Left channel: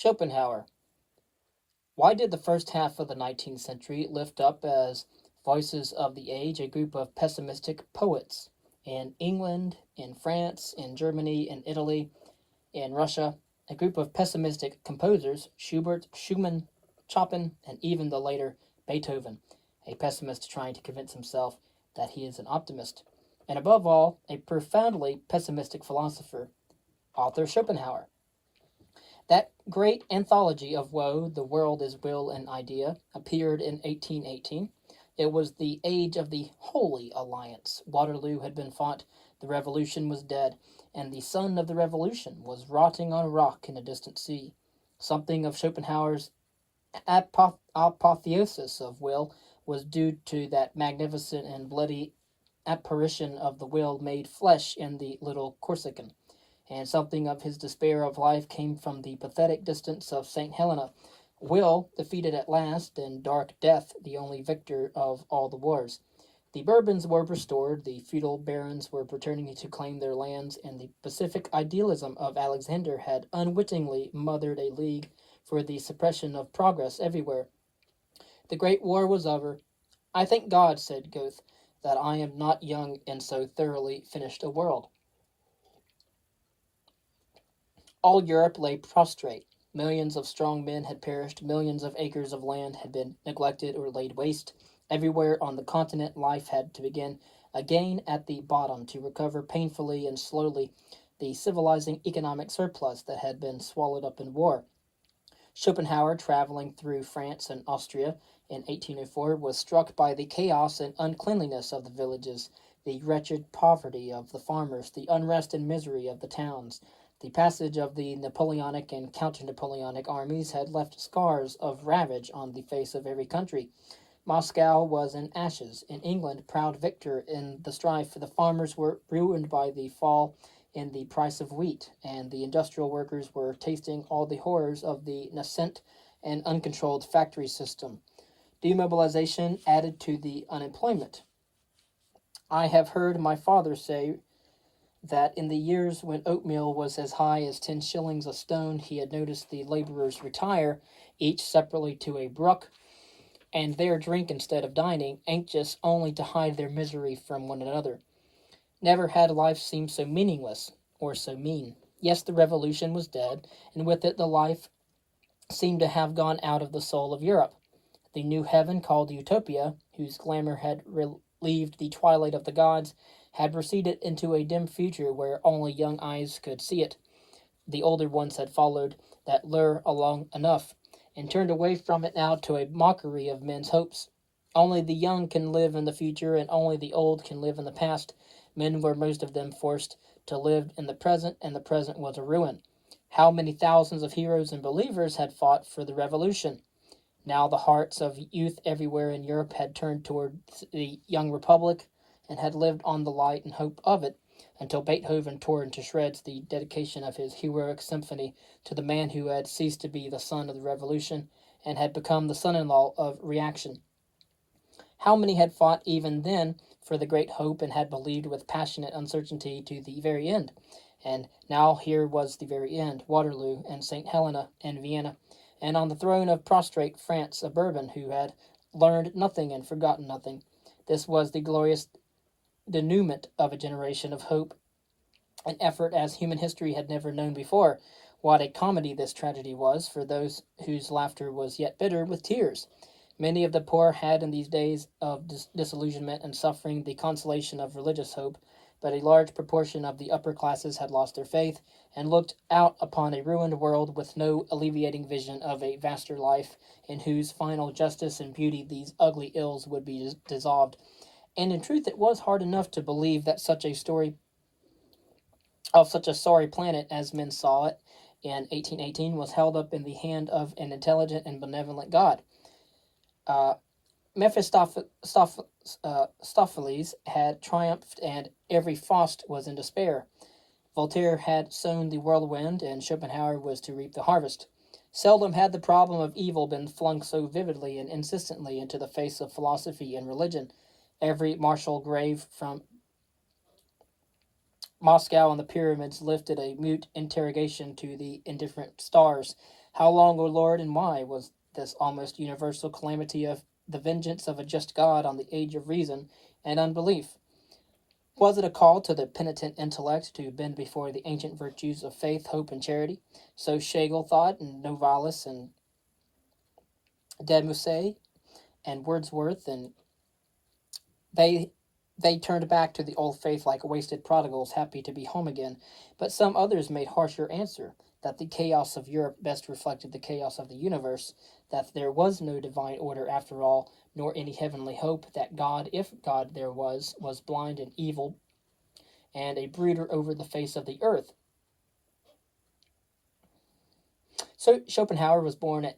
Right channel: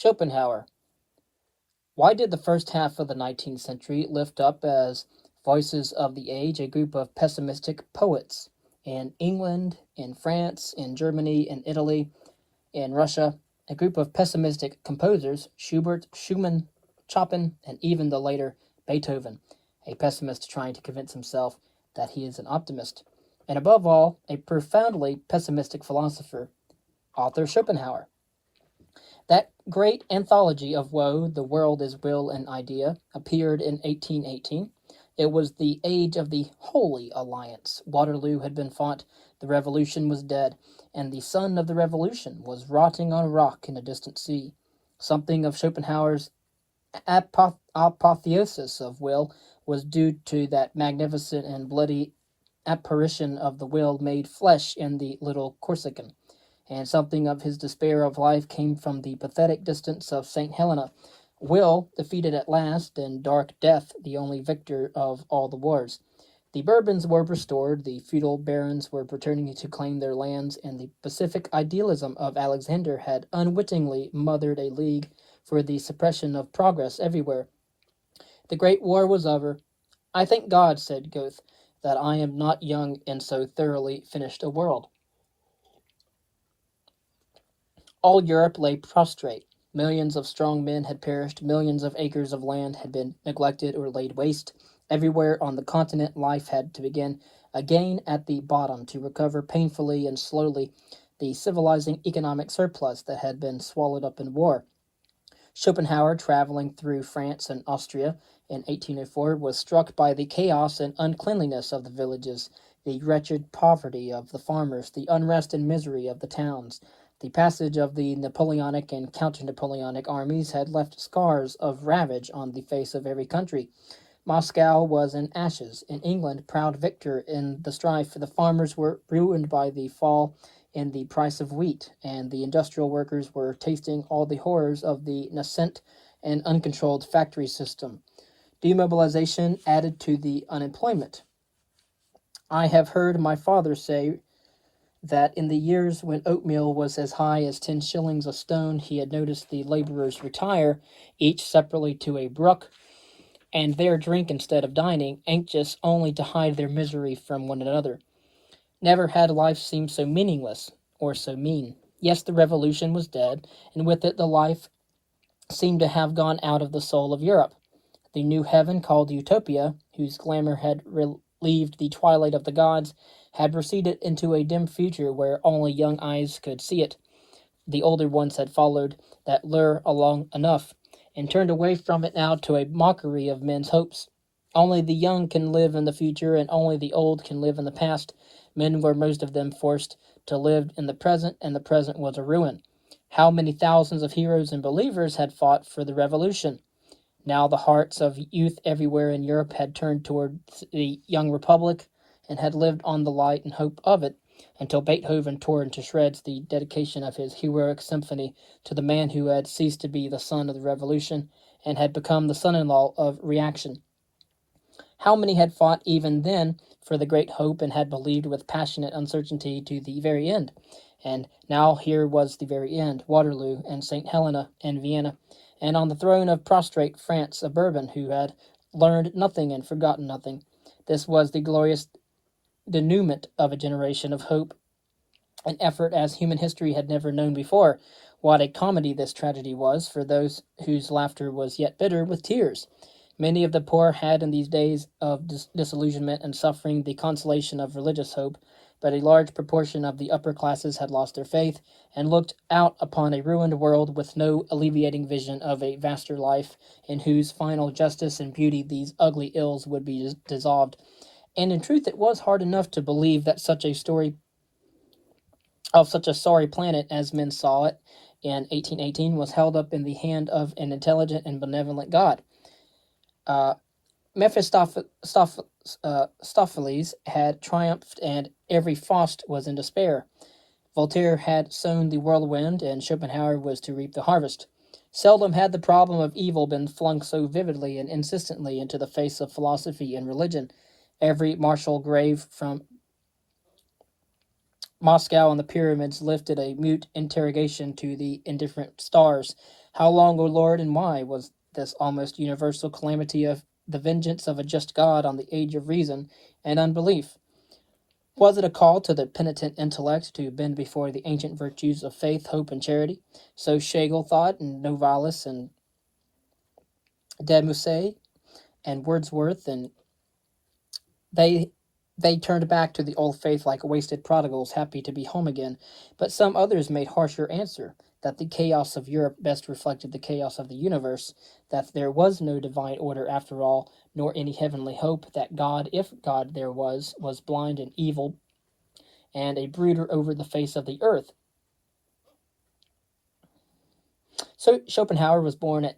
Schopenhauer. Why did the first half of the 19th century lift up as voices of the age a group of pessimistic poets in England, in France, in Germany, in Italy, in Russia, a group of pessimistic composers, Schubert, Schumann, Chopin, and even the later Beethoven, a pessimist trying to convince himself that he is an optimist, and above all, a profoundly pessimistic philosopher, author Schopenhauer. That great anthology of woe, The World is Will and Idea, appeared in 1818. It was the age of the Holy Alliance. Waterloo had been fought, the Revolution was dead, and the sun of the Revolution was rotting on a rock in a distant sea. Something of Schopenhauer's apotheosis of will was due to that magnificent and bloody apparition of the will made flesh in the little Corsican, and something of his despair of life came from the pathetic distance of St. Helena. Will, defeated at last, and dark death, the only victor of all the wars. The Bourbons were restored, the feudal barons were returning to claim their lands, and the pacific idealism of Alexander had unwittingly mothered a league for the suppression of progress everywhere. The Great War was over. "I thank God," said Goethe, "that I am not young in so thoroughly finished a world." All Europe lay prostrate. Millions of strong men had perished. Millions of acres of land had been neglected or laid waste. Everywhere on the continent, life had to begin again at the bottom to recover painfully and slowly the civilizing economic surplus that had been swallowed up in war. Schopenhauer, traveling through France and Austria in 1804, was struck by the chaos and uncleanliness of the villages, the wretched poverty of the farmers, the unrest and misery of the towns. The passage of the Napoleonic and counter-Napoleonic armies had left scars of ravage on the face of every country. Moscow was in ashes. In England, proud victor in the strife, the farmers were ruined by the fall in the price of wheat, and the industrial workers were tasting all the horrors of the nascent and uncontrolled factory system. Demobilization added to the unemployment. I have heard my father say that in the years when oatmeal was as high as 10 shillings a stone, he had noticed the laborers retire, each separately to a brook, and there drink instead of dining, anxious only to hide their misery from one another. Never had life seemed so meaningless or so mean. Yes, the revolution was dead, and with it the life seemed to have gone out of the soul of Europe. The new heaven called Utopia, whose glamour had relieved the twilight of the gods, had receded into a dim future where only young eyes could see it. The older ones had followed that lure along enough, and turned away from it now to a mockery of men's hopes. Only the young can live in the future, and only the old can live in the past. Men were most of them forced to live in the present, and the present was a ruin. How many thousands of heroes and believers had fought for the revolution? Now the hearts of youth everywhere in Europe had turned toward the young republic, and had lived on the light and hope of it, until Beethoven tore into shreds the dedication of his heroic symphony to the man who had ceased to be the son of the revolution, and had become the son-in-law of reaction. How many had fought even then for the great hope, and had believed with passionate uncertainty to the very end? And now here was the very end, Waterloo, and St. Helena, and Vienna, and on the throne of prostrate France a Bourbon who had learned nothing and forgotten nothing. This was the glorious denouement of a generation of hope and effort as human history had never known before. What a comedy this tragedy was for those whose laughter was yet bitter with tears. Many of the poor had in these days of disillusionment and suffering the consolation of religious hope, but a large proportion of the upper classes had lost their faith and looked out upon a ruined world with no alleviating vision of a vaster life in whose final justice and beauty these ugly ills would be dissolved. And in truth, it was hard enough to believe that such a story of such a sorry planet as men saw it in 1818 was held up in the hand of an intelligent and benevolent God. Mephistopheles had triumphed, and every Faust was in despair. Voltaire had sown the whirlwind, and Schopenhauer was to reap the harvest. Seldom had the problem of evil been flung so vividly and insistently into the face of philosophy and religion. Every martial grave from Moscow and the pyramids lifted a mute interrogation to the indifferent stars. How long, O Lord, and why was this almost universal calamity of the vengeance of a just God on the age of reason and unbelief? Was it a call to the penitent intellect to bend before the ancient virtues of faith, hope, and charity? So Schlegel thought, and Novalis, and de Musset, and Wordsworth, and they they turned back to the old faith like wasted prodigals, happy to be home again. But some others made harsher answer, that the chaos of Europe best reflected the chaos of the universe, that there was no divine order after all, nor any heavenly hope, that God, if God there was blind and evil, and a brooder over the face of the earth. So Schopenhauer was born at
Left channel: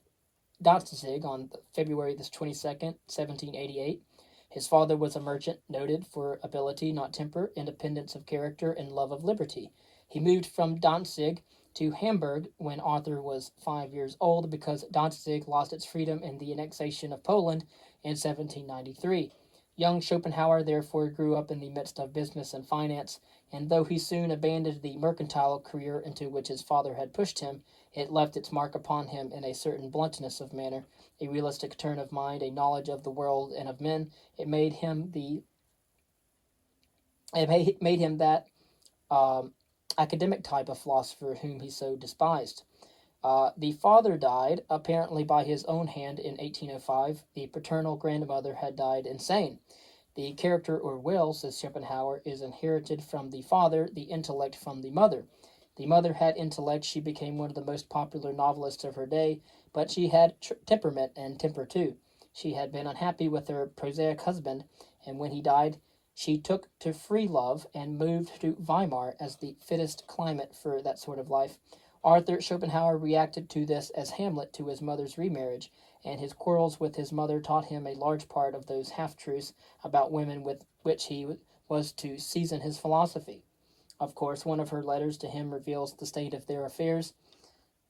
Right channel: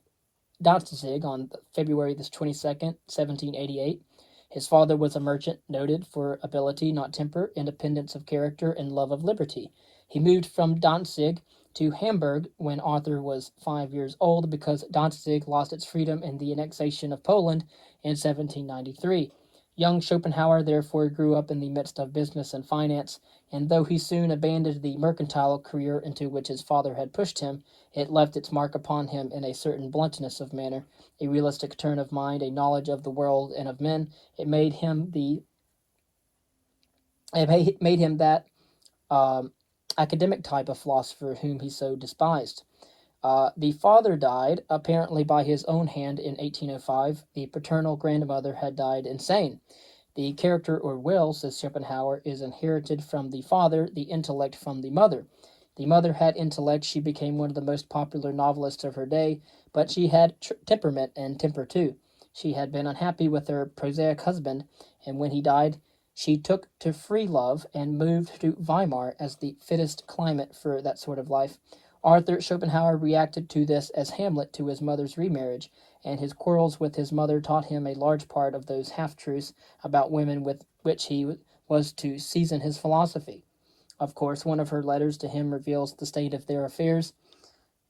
Danzig on February the 22nd, 1788. His father was a merchant noted for ability, not temper, independence of character, and love of liberty. He moved from Danzig to Hamburg when Arthur was 5 years old because Danzig lost its freedom in the annexation of Poland in 1793. Young Schopenhauer therefore grew up in the midst of business and finance, and though he soon abandoned the mercantile career into which his father had pushed him, it left its mark upon him in a certain bluntness of manner, a realistic turn of mind, a knowledge of the world and of men. It made him that academic type of philosopher whom he so despised. The father died, apparently by his own hand, in 1805. The paternal grandmother had died insane. The character or will, says Schopenhauer, is inherited from the father, the intellect from the mother. The mother had intellect. She became one of the most popular novelists of her day, but she had temperament and temper too. She had been unhappy with her prosaic husband, and when he died, she took to free love and moved to Weimar as the fittest climate for that sort of life. Arthur Schopenhauer reacted to this as Hamlet to his mother's remarriage, and his quarrels with his mother taught him a large part of those half-truths about women with which he was to season his philosophy. Of course, one of her letters to him reveals the state of their affairs.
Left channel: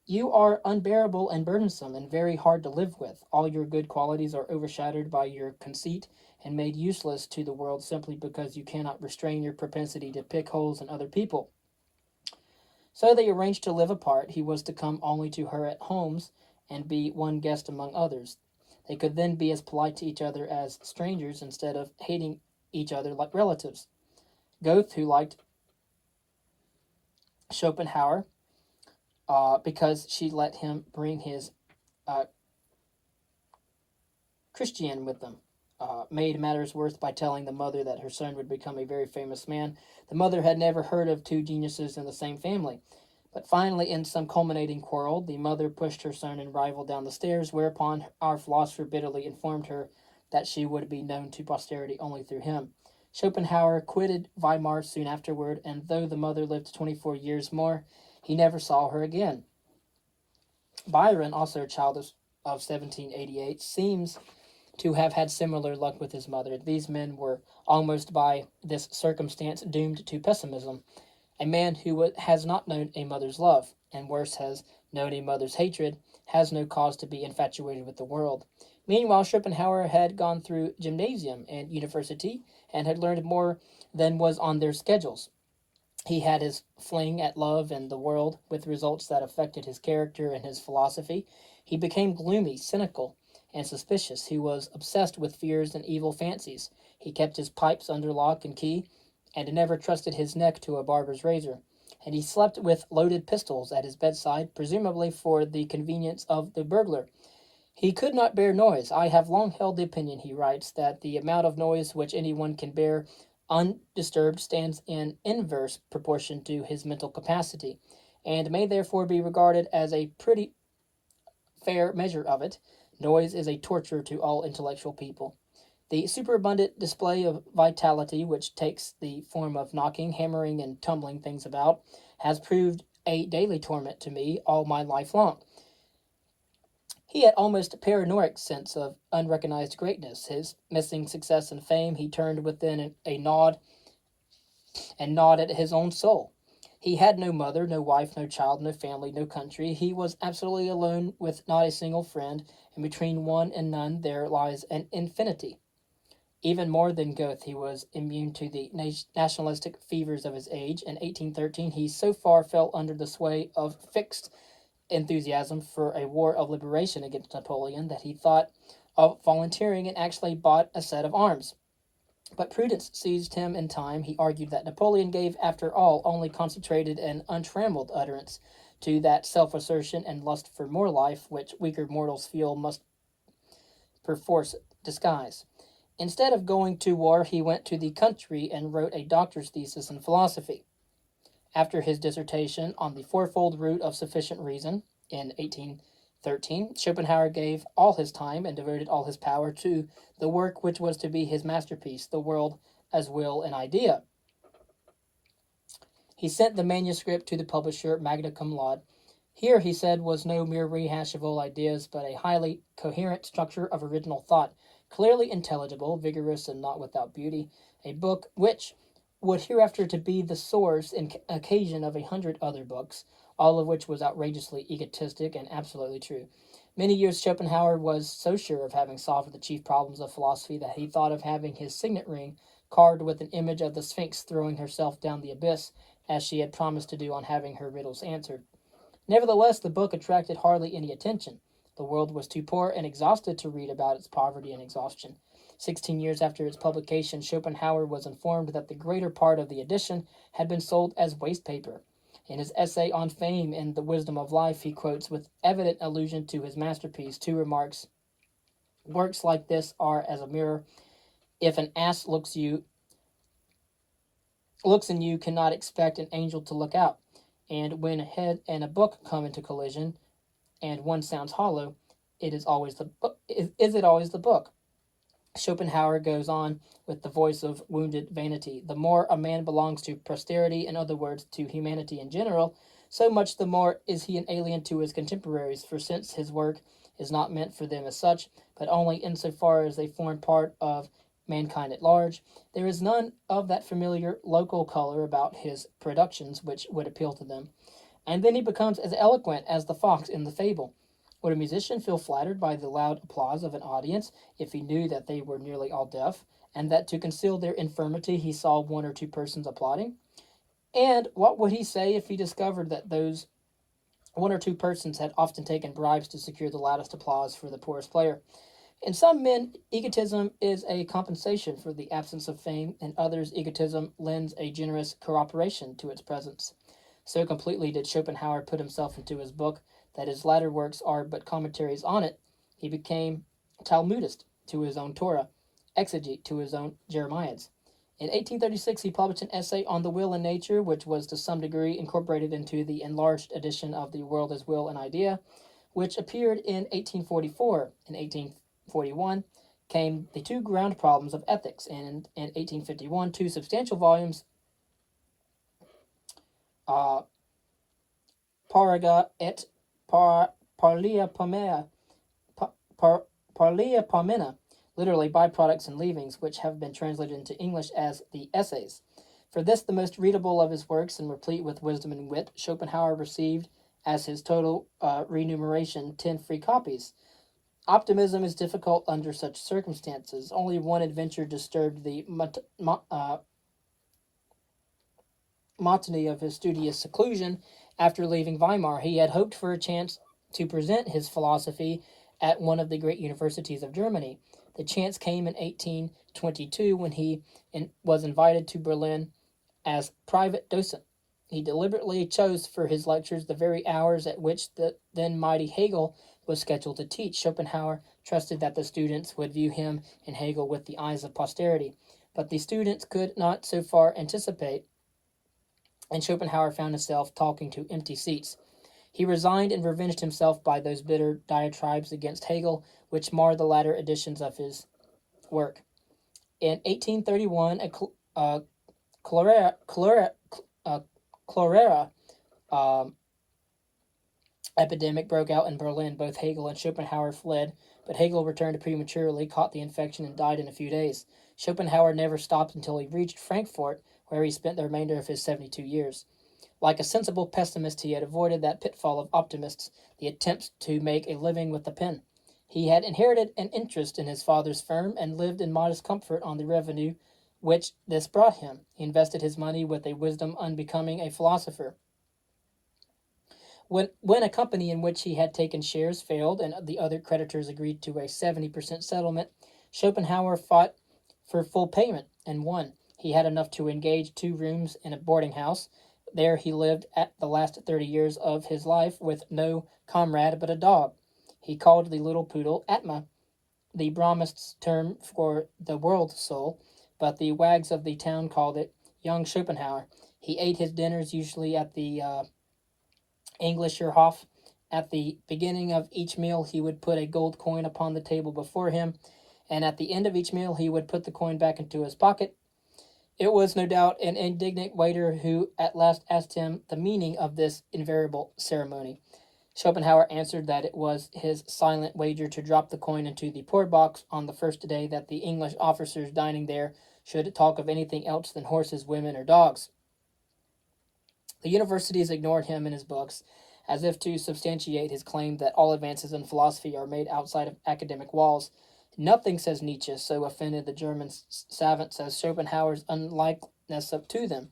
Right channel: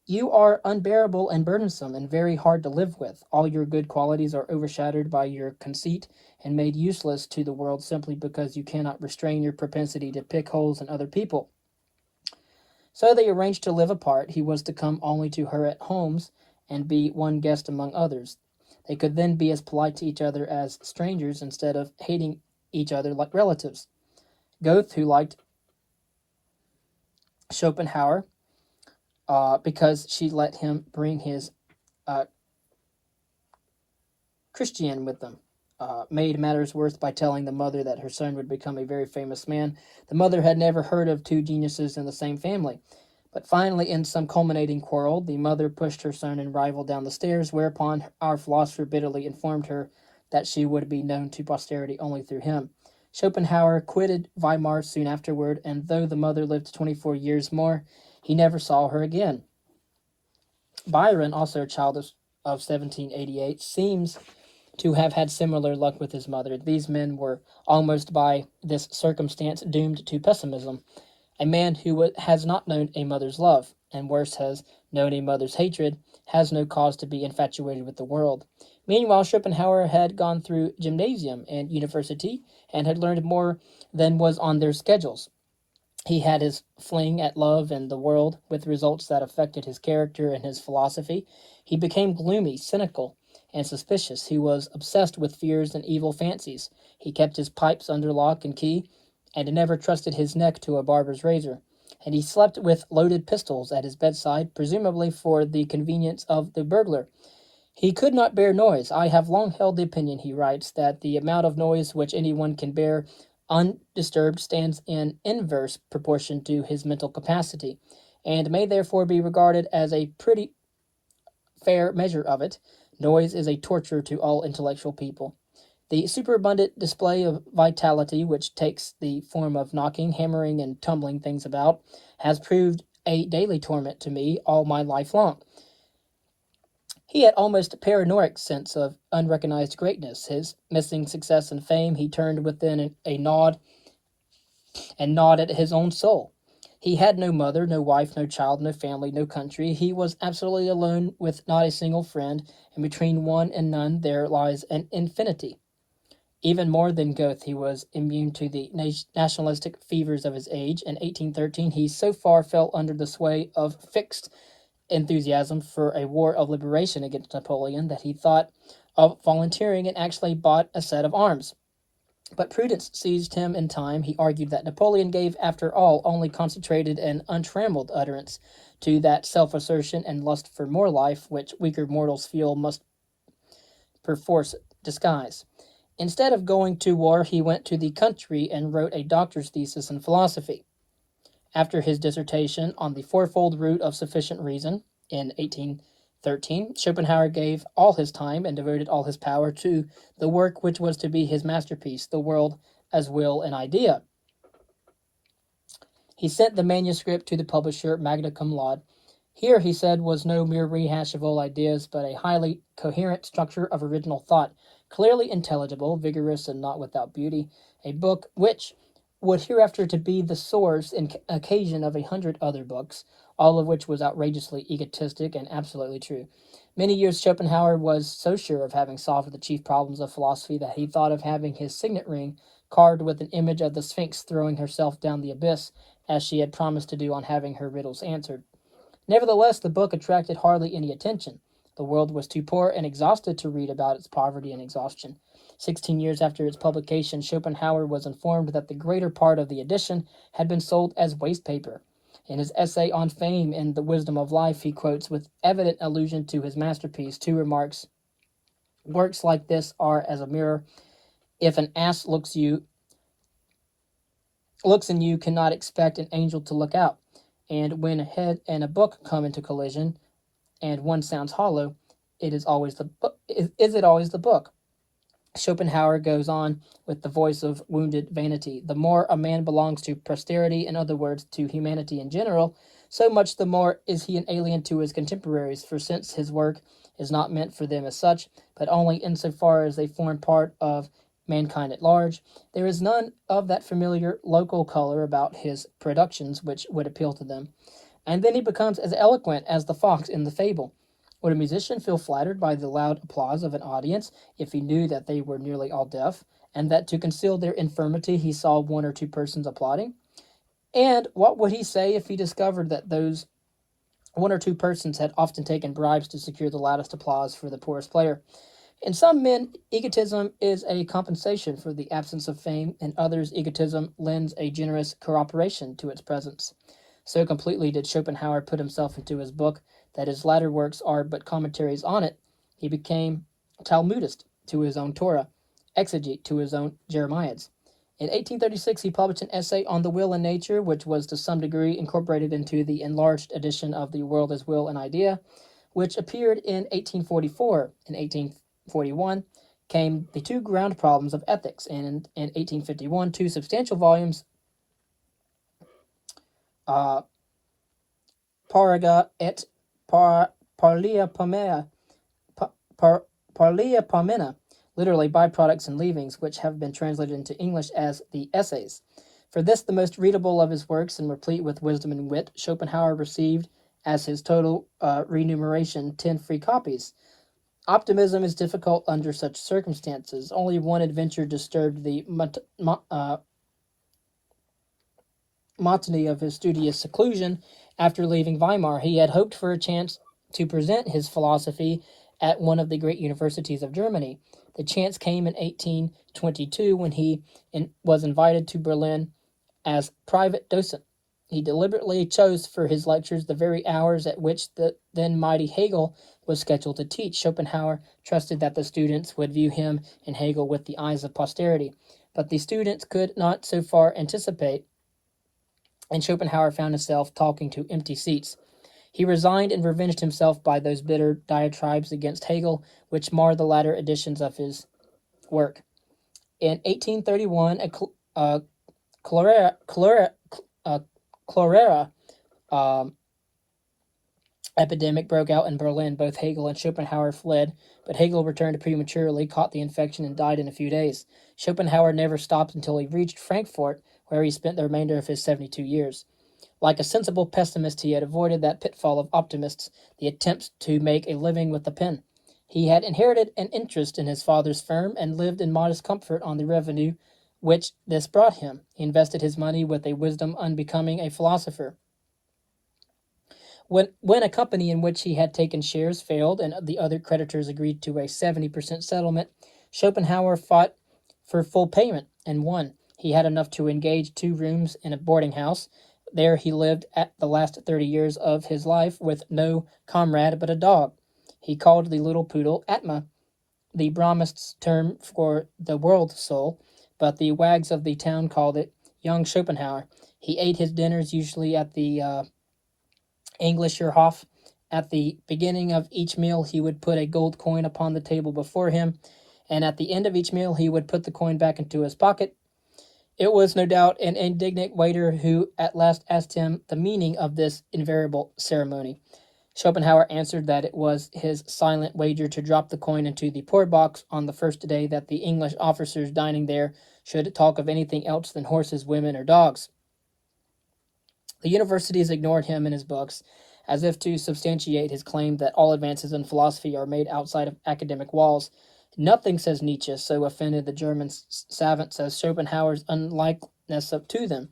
You are unbearable and burdensome and very hard to live with. All your good qualities are overshadowed by your conceit and made useless to the world simply because you cannot restrain your propensity to pick holes in other people. So they arranged to live apart. He was to come only to her at homes and be one guest among others. They could then be as polite to each other as strangers instead of hating each other like relatives. Goethe, who liked Schopenhauer because she let him bring his uh, Christian with them, made matters worse by telling the mother that her son would become a very famous man. The mother had never heard of two geniuses in the same family. But finally, in some culminating quarrel, the mother pushed her son and rival down the stairs, whereupon our philosopher bitterly informed her that she would be known to posterity only through him. Schopenhauer quitted Weimar soon afterward, and though the mother lived 24 years more, he never saw her again. Byron, also a child of 1788, seems to have had similar luck with his mother. These men were almost by this circumstance doomed to pessimism. A man who has not known a mother's love, and worse, has known a mother's hatred, has no cause to be infatuated with the world. Meanwhile, Schopenhauer had gone through gymnasium and university, and had learned more than was on their schedules. He had his fling at love and the world, with results that affected his character and his philosophy. He became gloomy, cynical, and suspicious. He was obsessed with fears and evil fancies. He kept his pipes under lock and key, and never trusted his neck to a barber's razor. And he slept with loaded pistols at his bedside, presumably for the convenience of the burglar. He could not bear noise. I have long held the opinion, he writes, that the amount of noise which anyone can bear undisturbed stands in inverse proportion to his mental capacity, and may therefore be regarded as a pretty fair measure of it. Noise is a torture to all intellectual people. The superabundant display of vitality, which takes the form of knocking, hammering, and tumbling things about, has proved a daily torment to me all my life long. He had almost a paranoid sense of unrecognized greatness. His missing success and fame he turned within a gnawed at his own soul. He had no mother, no wife, no child, no family, no country. He was absolutely alone with not a single friend, and between one and none there lies an infinity. Even more than Goethe, he was immune to the nationalistic fevers of his age. In 1813, he so far fell under the sway of fixed enthusiasm for a war of liberation against Napoleon that he thought of volunteering and actually bought a set of arms. But prudence seized him in time. He argued that Napoleon gave, after all, only concentrated and untrammeled utterance to that self assertion and lust for more life which weaker mortals feel must perforce disguise. Instead of going to war, he went to the country and wrote a doctor's thesis in philosophy. After his dissertation on the fourfold root of sufficient reason in 1813, Schopenhauer gave all his time and devoted all his power to the work which was to be his masterpiece, The World as Will and Idea. He sent the manuscript to the publisher, magna cum laude. Here, he said, was no mere rehash of old ideas, but a highly coherent structure of original thought, clearly intelligible, vigorous, and not without beauty, a book which would hereafter to be the source and occasion of 100 other books, all of which was outrageously egotistic and absolutely true. Many years Schopenhauer was so sure of having solved the chief problems of philosophy that he thought of having his signet ring carved with an image of the Sphinx throwing herself down the abyss, as she had promised to do on having her riddles answered. Nevertheless, the book attracted hardly any attention. The world was too poor and exhausted to read about its poverty and exhaustion. 16 years after its publication, Schopenhauer was informed that the greater part of the edition had been sold as waste paper. In his essay on fame and the wisdom of life, he quotes with evident allusion to his masterpiece two remarks. Works like this are as a mirror. If an ass looks in you, cannot expect an angel to look out. And when a head and a book come into collision, and one sounds hollow, it is always the book. Is it always the book? Schopenhauer goes on with the voice of wounded vanity. The more a man belongs to posterity, in other words, to humanity in general, so much the more is he an alien to his contemporaries, for since his work is not meant for them as such, but only insofar as they form part of mankind at large, there is none of that familiar local color about his productions which would appeal to them. And then he becomes as eloquent as the fox in the fable. Would a musician feel flattered by the loud applause of an audience if he knew that they were nearly all deaf, and that to conceal their infirmity he saw one or two persons applauding? And what would he say if he discovered that those one or two persons had often taken bribes to secure the loudest applause for the poorest player? In some men, egotism is a compensation for the absence of fame, in others, egotism lends a generous corroboration to its presence. So completely did Schopenhauer put himself into his book that his latter works are but commentaries on it. He became Talmudist to his own Torah, exegete to his own Jeremiads. In 1836, he published an essay on the will and nature, which was to some degree incorporated into the enlarged edition of The World as Will and Idea, which appeared in 1844. In 1841 came The Two Ground Problems of Ethics, and in 1851, two substantial volumes, Paraga et Parlia Pomena, literally byproducts and leavings, which have been translated into English as the Essays. For this, the most readable of his works and replete with wisdom and wit, Schopenhauer received as his total remuneration 10 free copies. Optimism is difficult under such circumstances. Only one adventure disturbed the monotony of his studious seclusion. After leaving Weimar, he had hoped for a chance to present his philosophy at one of the great universities of Germany. The chance came in 1822 when he was invited to Berlin as private docent. He deliberately chose for his lectures the very hours at which the then mighty Hegel was scheduled to teach. Schopenhauer trusted that the students would view him and Hegel with the eyes of posterity, but the students could not so far anticipate, and Schopenhauer found himself talking to empty seats. He resigned and revenged himself by those bitter diatribes against Hegel, which mar the latter editions of his work. In 1831, a cholera epidemic broke out in Berlin. Both Hegel and Schopenhauer fled, but Hegel returned prematurely, caught the infection, and died in a few days. Schopenhauer never stopped until he reached Frankfurt, where he spent the remainder of his 72 years. Like a sensible pessimist, he had avoided that pitfall of optimists, the attempts to make a living with the pen. He had inherited an interest in his father's firm and lived in modest comfort on the revenue which this brought him. He invested his money with a wisdom unbecoming a philosopher. When a company in which he had taken shares failed and the other creditors agreed to a 70% settlement, Schopenhauer fought for full payment and won. He had enough to engage 2 rooms in a boarding house. There he lived at the last 30 years of his life with no comrade but a dog. He called the little poodle Atma, the Brahmist's term for the world soul, but the wags of the town called it young Schopenhauer. He ate his dinners usually at the Englischer Hof. At the beginning of each meal, he would put a gold coin upon the table before him, and at the end of each meal, he would put the coin back into his pocket. It was no doubt an indignant waiter who at last asked him the meaning of this invariable ceremony. Schopenhauer answered that it was his silent wager to drop the coin into the poor box on the first day that the English officers dining there should talk of anything else than horses, women, or dogs. The universities ignored him in his books, as if to substantiate his claim that all advances in philosophy are made outside of academic walls. Nothing, says Nietzsche, so offended the German savants as Schopenhauer's unlikeness to them.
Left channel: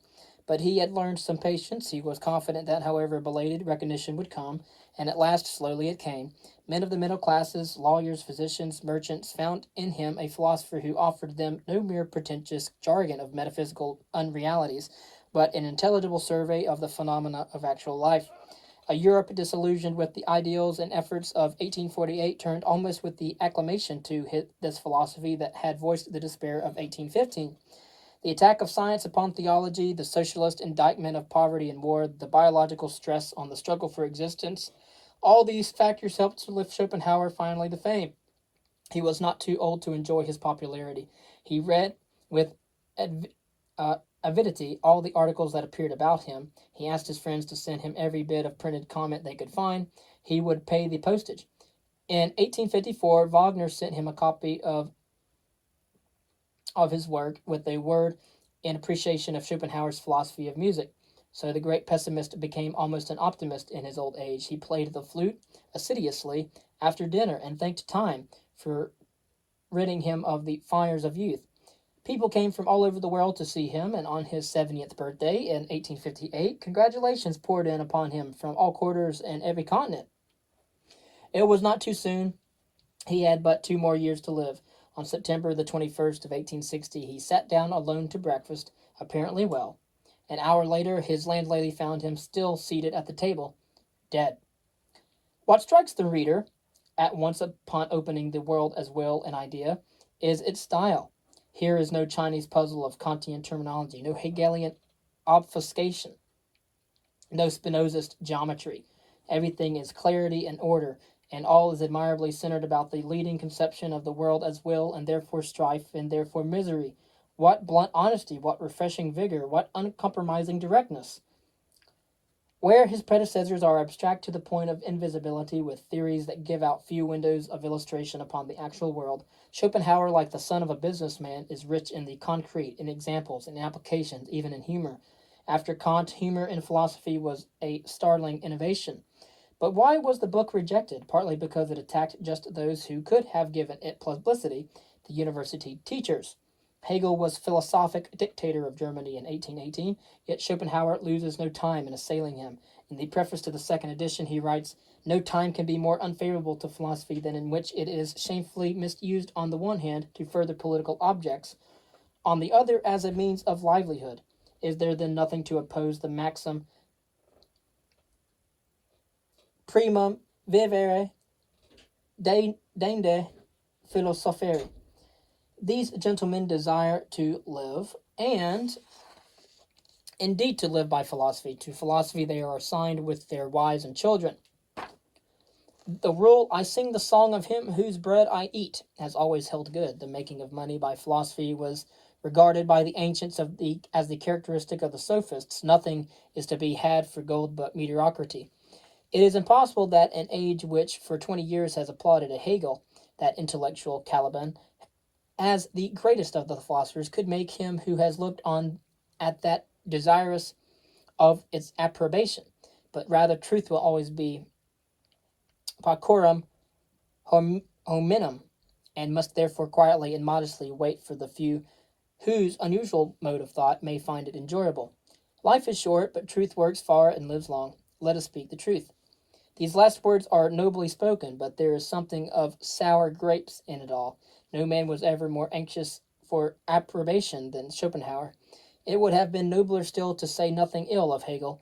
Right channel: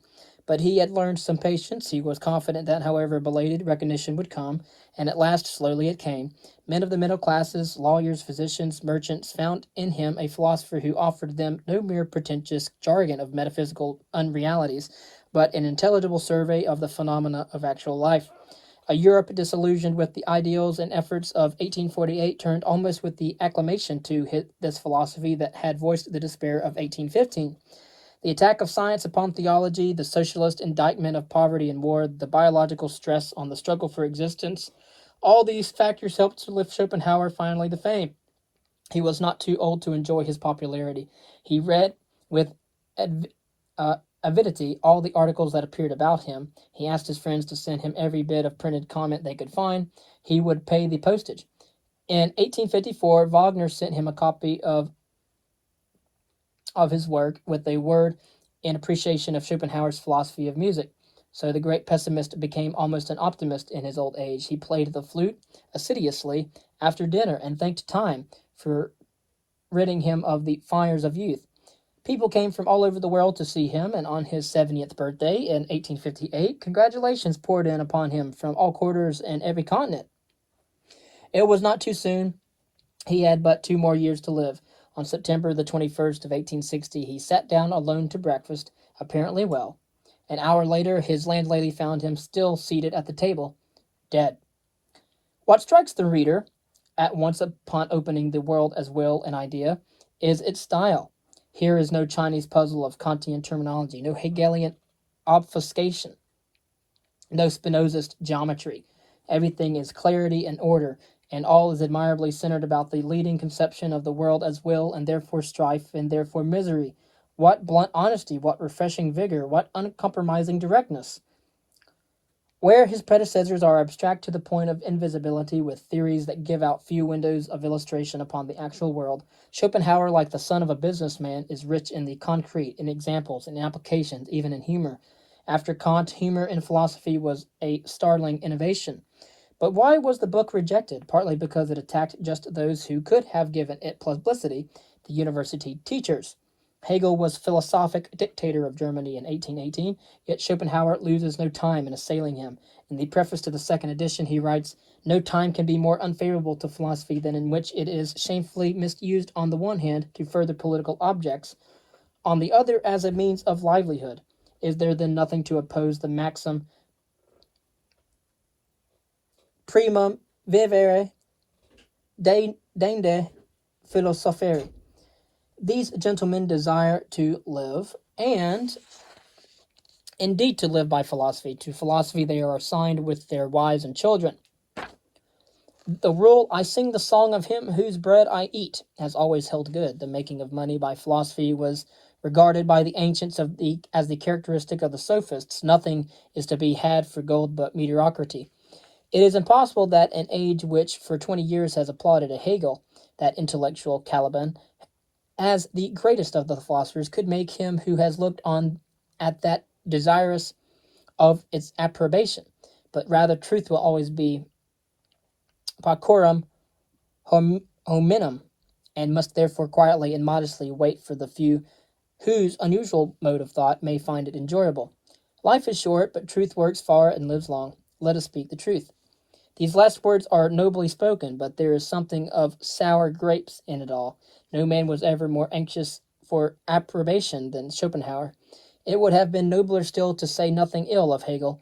But he had learned some patience. He was confident that, however belated, recognition would come, and at last, slowly, it came. Men of the middle classes, lawyers, physicians, merchants, found in him a philosopher who offered them no mere pretentious jargon of metaphysical unrealities, but an intelligible survey of the phenomena of actual life. A Europe disillusioned with the ideals and efforts of 1848 turned almost with the acclamation to this philosophy that had voiced the despair of 1815. The attack of science upon theology, the socialist indictment of poverty and war, the biological stress on the struggle for existence, all these factors helped to lift Schopenhauer finally to fame. He was not too old to enjoy his popularity. He read with avidity all the articles that appeared about him. He asked his friends to send him every bit of printed comment they could find. He would pay the postage. In 1854, Wagner sent him a copy of his work with a word in appreciation of Schopenhauer's philosophy of music. So the great pessimist became almost an optimist in his old age. He played the flute assiduously after dinner and thanked time for ridding him of the fires of youth. People came from all over the world to see him, and on his 70th birthday in 1858, congratulations poured in upon him from all quarters and every continent. It was not too soon. He had but 2 more years to live. On September the 21st of 1860, he sat down alone to breakfast, apparently well. An hour later, his landlady found him still seated at the table, dead. What strikes the reader, at once upon opening the world as will and idea, is its style. Here is no Chinese puzzle of Kantian terminology, no Hegelian obfuscation, no Spinozist geometry. Everything is clarity and order, and all is admirably centered about the leading conception of the world as will, and therefore strife, and therefore misery. What blunt honesty, what refreshing vigor, what uncompromising directness! Where his predecessors are abstract to the point of invisibility, with theories that give out few windows of illustration upon the actual world, Schopenhauer, like the son of a businessman, is rich in the concrete, in examples, in applications, even in humor. After Kant, humor in philosophy was a startling innovation. But why was the book rejected? Partly because it attacked just those who could have given it publicity, the university teachers. Hegel was philosophic dictator of Germany in 1818, yet Schopenhauer loses no time in assailing him. In the preface to the second edition, he writes, "No time can be more unfavorable to philosophy than in which it is shamefully misused on the one hand to further political objects, on the other as a means of livelihood. Is there then nothing to oppose the maxim primum vivere dende philosopheri? These gentlemen desire to live, and indeed to live by philosophy. To philosophy they are assigned with their wives and children. The rule, I sing the song of him whose bread I eat, has always held good. The making of money by philosophy was regarded by the ancients as the characteristic of the sophists. Nothing is to be had for gold but mediocrity. It is impossible that an age which for 20 years has applauded a Hegel, that intellectual Caliban, as the greatest of the philosophers, could make him who has looked on at that desirous of its approbation. But rather truth will always be paucorum hominum, and must therefore quietly and modestly wait for the few whose unusual mode of thought may find it enjoyable. Life is short, but truth works far and lives long. Let us speak the truth. These last words are nobly spoken, but there is something of sour grapes in it all. No man was ever more anxious for approbation than Schopenhauer. It would have been nobler still to say nothing ill of Hegel.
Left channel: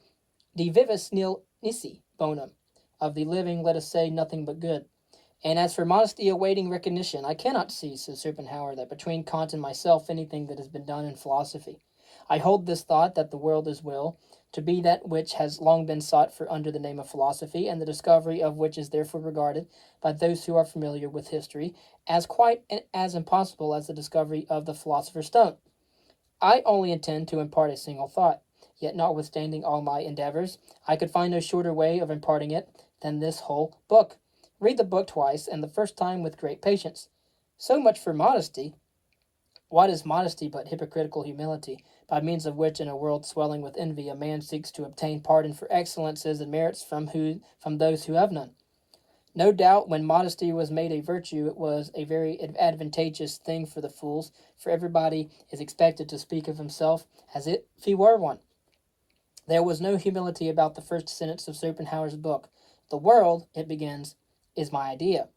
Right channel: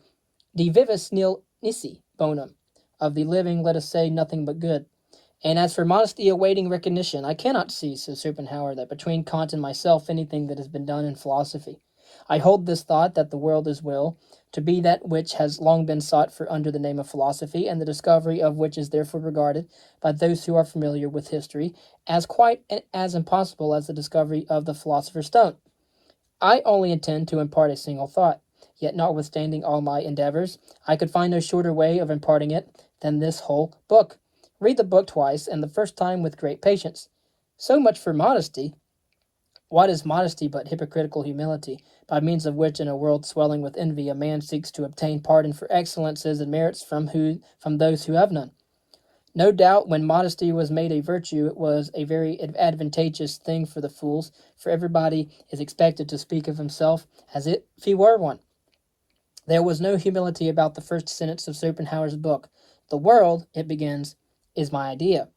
De vivis nil nisi bonum. Of the living let us say nothing but good. And as for modesty awaiting recognition, I cannot see, says Schopenhauer, that between Kant and myself anything that has been done in philosophy. I hold this thought that the world is will, to be that which has long been sought for under the name of philosophy, and the discovery of which is therefore regarded by those who are familiar with history as quite as impossible as the discovery of the philosopher's stone. I only intend to impart a single thought, yet notwithstanding all my endeavors, I could find no shorter way of imparting it than this whole book. Read the book twice, and the first time with great patience. So much for modesty. What is modesty but hypocritical humility, by means of which, in a world swelling with envy, a man seeks to obtain pardon for excellences and merits from those who have none? No doubt, when modesty was made a virtue, it was a very advantageous thing for the fools, for everybody is expected to speak of himself as if he were one. There was no humility about the first sentence of Schopenhauer's book. The world, it begins, is my idea.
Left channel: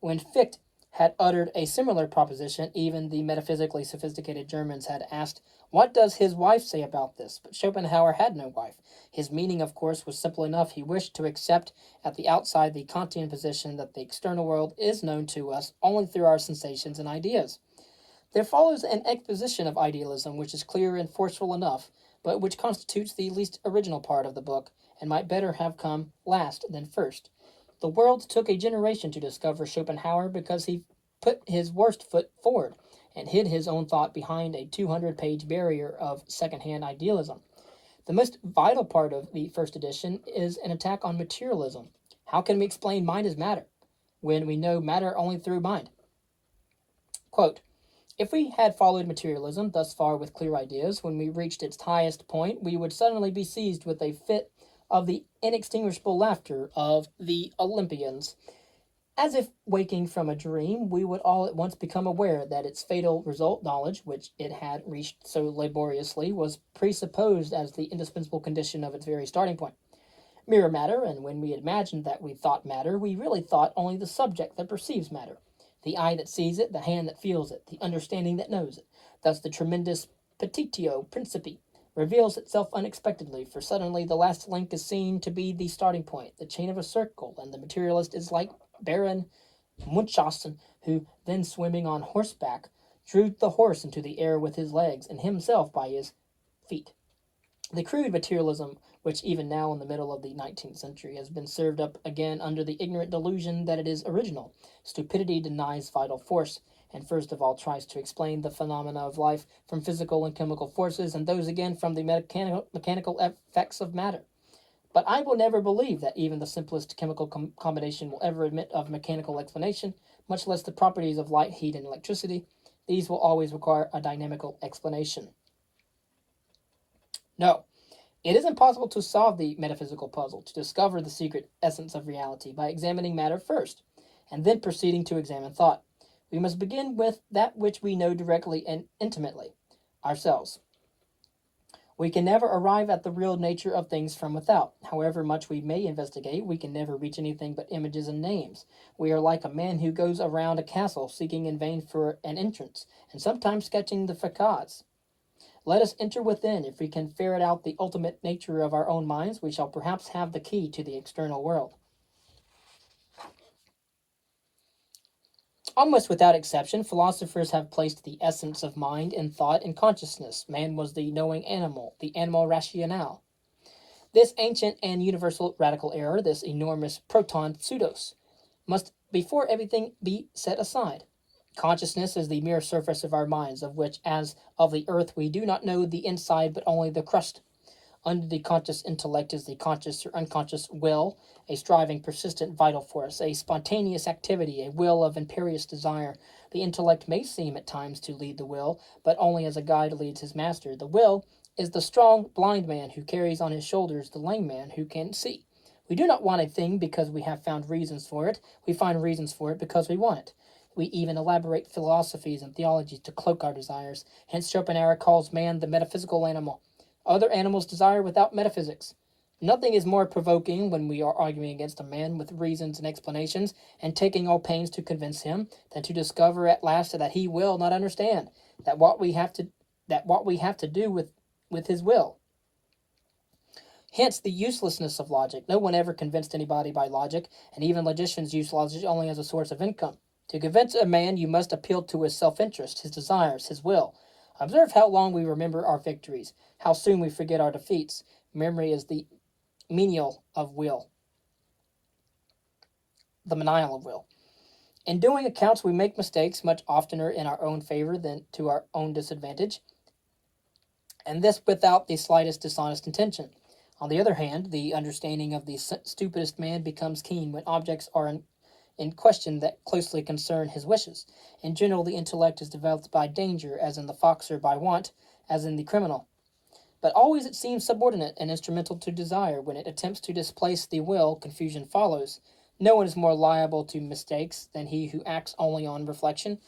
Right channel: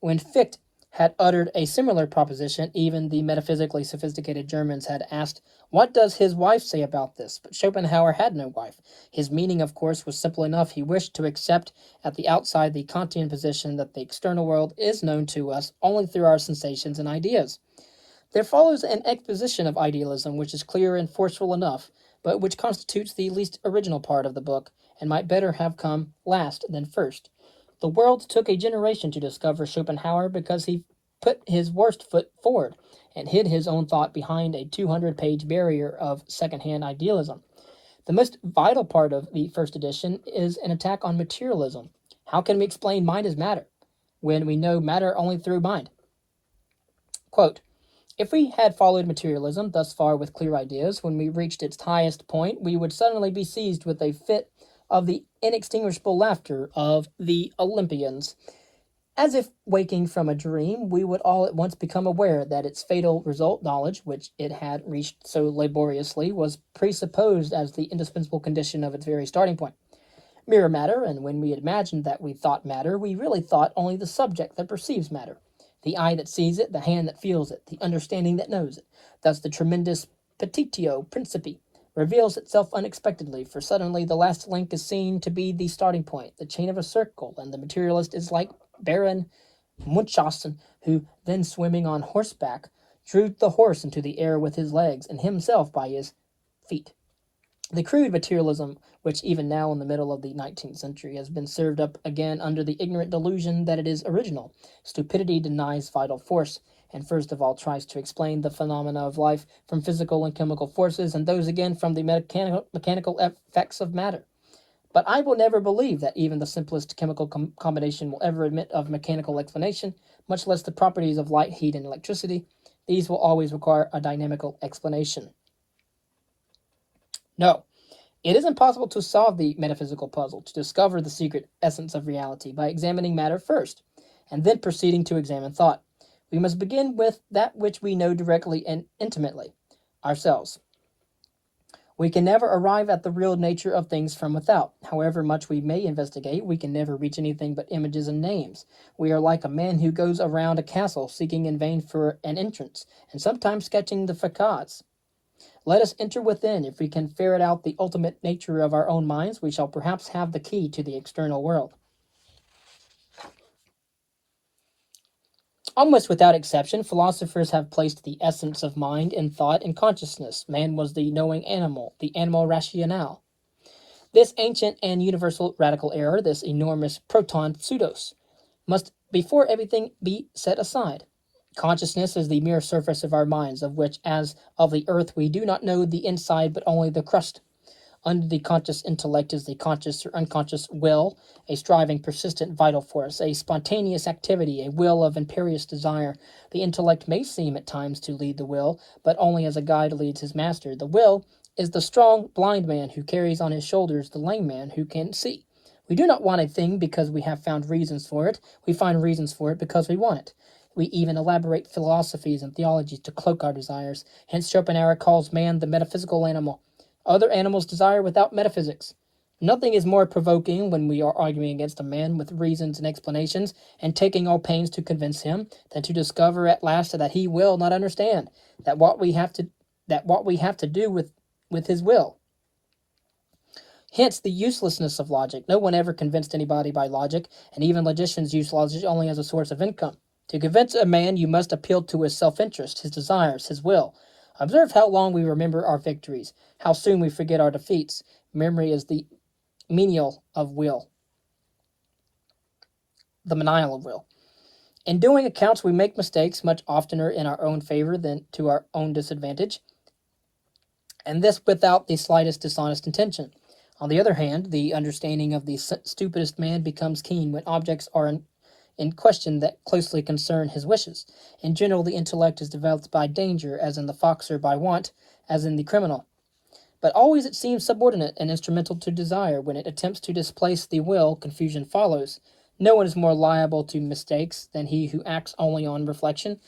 When Fichte had uttered a similar proposition, even the metaphysically sophisticated Germans had asked, "What does his wife say about this?" But Schopenhauer had no wife. His meaning, of course, was simple enough. He wished to accept at the outside the Kantian position that the external world is known to us only through our sensations and ideas. There follows an exposition of idealism which is clear and forceful enough, but which constitutes the least original part of the book, and might better have come last than first. The world took a generation to discover Schopenhauer because he put his worst foot forward and hid his own thought behind a 200-page barrier of second-hand idealism. The most vital part of the first edition is an attack on materialism. How can we explain mind as matter when we know matter only through mind? Quote, if we had followed materialism thus far with clear ideas, when we reached its highest point, we would suddenly be seized with a fit of the inextinguishable laughter of the Olympians. As if waking from a dream, we would all at once become aware that its fatal result, knowledge, which it had reached so laboriously, was presupposed as the indispensable condition of its very starting point. Mere matter, and when we imagined that we thought matter, we really thought only the subject that perceives matter, the eye that sees it, the hand that feels it, the understanding that knows it. Thus the tremendous petitio principii reveals itself unexpectedly, for suddenly the last link is seen to be the starting point, the chain of a circle, and the materialist is like Baron Munchausen, who, then swimming on horseback, drew the horse into the air with his legs, and himself by his feet. The crude materialism, which even now in the middle of the 19th century has been served up again under the ignorant delusion that it is original. Stupidity denies vital force, and first of all tries to explain the phenomena of life from physical and chemical forces, and those again from the mechanical effects of matter. But I will never believe that even the simplest chemical combination will ever admit of mechanical explanation, much less the properties of light, heat, and electricity. These will always require a dynamical explanation. No, it is impossible to solve the metaphysical puzzle, to discover the secret essence of reality, by examining matter first, and then proceeding to examine thought. We must begin with that which we know directly and intimately, ourselves. We can never arrive at the real nature of things from without. However much we may investigate, we can never reach anything but images and names. We are like a man who goes around a castle seeking in vain for an entrance, and sometimes sketching the facades. Let us enter within. If we can ferret out the ultimate nature of our own minds, we shall perhaps have the key to the external world. Almost without exception, philosophers have placed the essence of mind in thought and consciousness. Man was the knowing animal, the animal rationale. This ancient and universal radical error, this enormous proton pseudos, must before everything be set aside. Consciousness is the mere surface of our minds, of which, as of the earth, we do not know the inside but only the crust. Under the conscious intellect is the conscious or unconscious will, a striving, persistent, vital force, a spontaneous activity, a will of imperious desire. The intellect may seem at times to lead the will, but only as a guide leads his master. The will is the strong, blind man who carries on his shoulders the lame man who can see. We do not want a thing because we have found reasons for it. We find reasons for it because we want it. We even elaborate philosophies and theologies to cloak our desires. Hence, Schopenhauer calls man the metaphysical animal. Other animals desire without metaphysics. Nothing is more provoking when we are arguing against a man with reasons and explanations, and taking all pains to convince him, than to discover at last that he will not understand, that what we have to do with his will. Hence the uselessness of logic. No one ever convinced anybody by logic, and even logicians use logic only as a source of income. To convince a man, you must appeal to his self-interest, his desires, his will. Observe how long we remember our victories, how soon we forget our defeats. Memory is the menial of will, the menial of will. In doing accounts, we make mistakes much oftener in our own favor than to our own disadvantage, and this without the slightest dishonest intention. On the other hand, the understanding of the stupidest man becomes keen when objects are in question that closely concern his wishes. In general, the intellect is developed by danger, as in the fox, or by want, as in the criminal. But always it seems subordinate and instrumental to desire. When it attempts to displace the will, confusion follows. No one is more liable to mistakes than he who acts only on reflection.